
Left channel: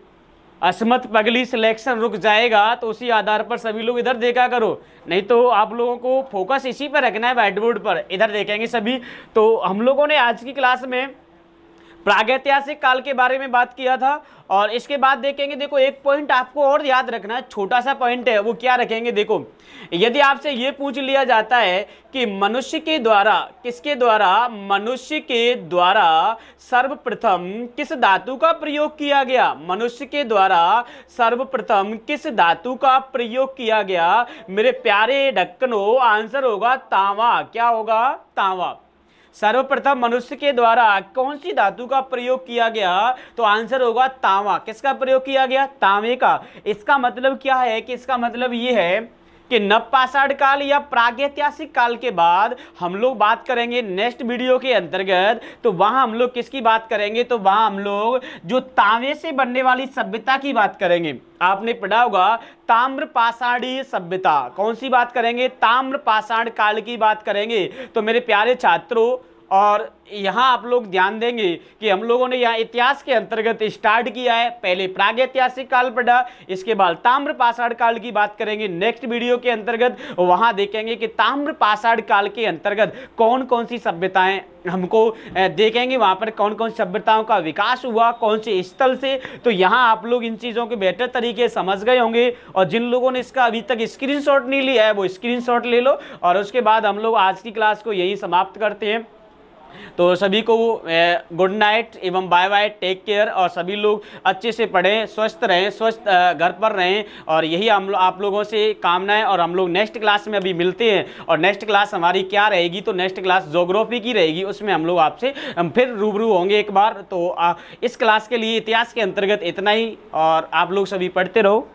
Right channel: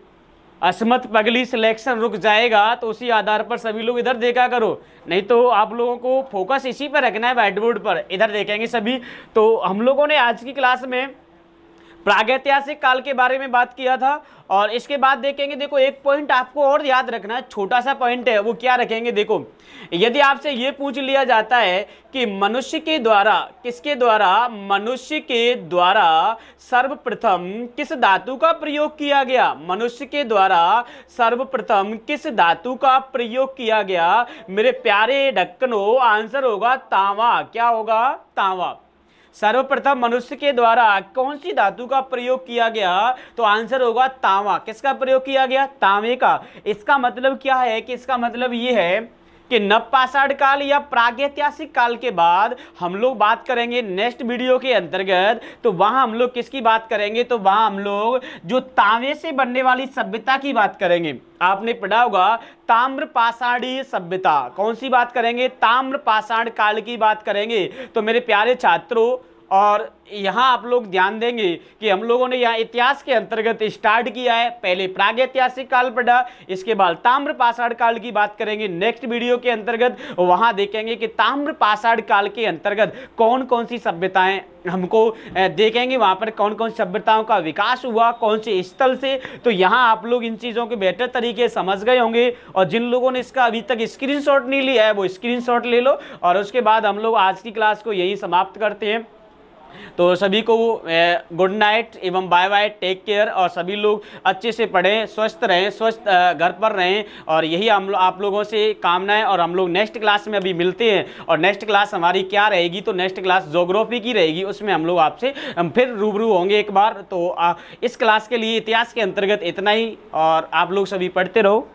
असमत पगली सिलेक्शन रुक जाएगा, तो उसी आधार पर सभी लोग इधर देखा करो, नहीं तो आप लोगों को फोकस इसी पर रखना है, व्हाइट बोर्ड पर। इधर देखेंगे सभी। तो हम लोगों ने आज की क्लास में प्रागैतिहासिक काल के बारे में बात किया था। और इसके बाद देखेंगे, देखो एक पॉइंट आपको और याद रखना है, छोटा सा पॉइंट है, वो क्या रखेंगे? देखो यदि आपसे ये पूछ लिया जाता है कि मनुष्य के द्वारा, किसके द्वारा? मनुष्य के द्वारा सर्वप्रथम किस धातु का प्रयोग किया गया? मनुष्य के द्वारा सर्वप्रथम किस धातु का प्रयोग किया गया? मेरे प्यारे ढक्कनों, आंसर होगा तांबा। क्या होगा? तांबा। सर्वप्रथम मनुष्य के द्वारा कौन सी धातु का प्रयोग किया गया? तो आंसर होगा तांबा। किसका प्रयोग किया गया? तांबे का। इसका मतलब क्या है? कि इसका मतलब ये है कि नवपाषाण काल या प्रागैतिहासिक काल के बाद हम लोग बात करेंगे नेक्स्ट वीडियो के अंतर्गत, तो वहां हम लोग किसकी बात करेंगे? तो वहां हम लोग जो तांबे से बनने वाली सभ्यता की बात करेंगे। आपने पढ़ा होगा ताम्रपाषाणी सभ्यता। कौन सी बात करेंगे? ताम्रपाषाण काल की बात करेंगे। तो मेरे प्यारे छात्रों, और यहाँ आप लोग ध्यान देंगे कि हम लोगों ने यहाँ इतिहास के अंतर्गत स्टार्ट किया है। पहले प्रागैतिहासिक काल पढ़ा, इसके बाद ताम्रपाषाण काल की बात करेंगे नेक्स्ट वीडियो के अंतर्गत। वहाँ देखेंगे कि ताम्रपाषाण काल के अंतर्गत कौन कौन सी सभ्यताएं हमको देखेंगे, वहाँ पर कौन कौन सी सभ्यताओं का विकास हुआ, कौन से स्थल से। तो यहाँ आप लोग इन चीज़ों के बेहतर तरीके से समझ गए होंगे। और जिन लोगों ने इसका अभी तक स्क्रीनशॉट नहीं लिया है वो स्क्रीनशॉट ले लो। और उसके बाद हम लोग आज की क्लास को यही समाप्त करते हैं। तो सभी को गुड नाइट एवं बाय बाय, टेक केयर, और सभी लोग अच्छे से पढ़ें, स्वस्थ रहें, स्वस्थ घर पर रहें, और यही आप लोगों से कामना है। और हम लोग नेक्स्ट क्लास में अभी मिलते हैं, और नेक्स्ट क्लास हमारी क्या रहेगी, तो नेक्स्ट क्लास ज्योग्राफी की रहेगी, उसमें हम लोग आपसे फिर रूबरू होंगे एक बार। तो इस क्लास के लिए इतिहास के अंतर्गत इतना ही, और आप लोग सभी पढ़ते रहो।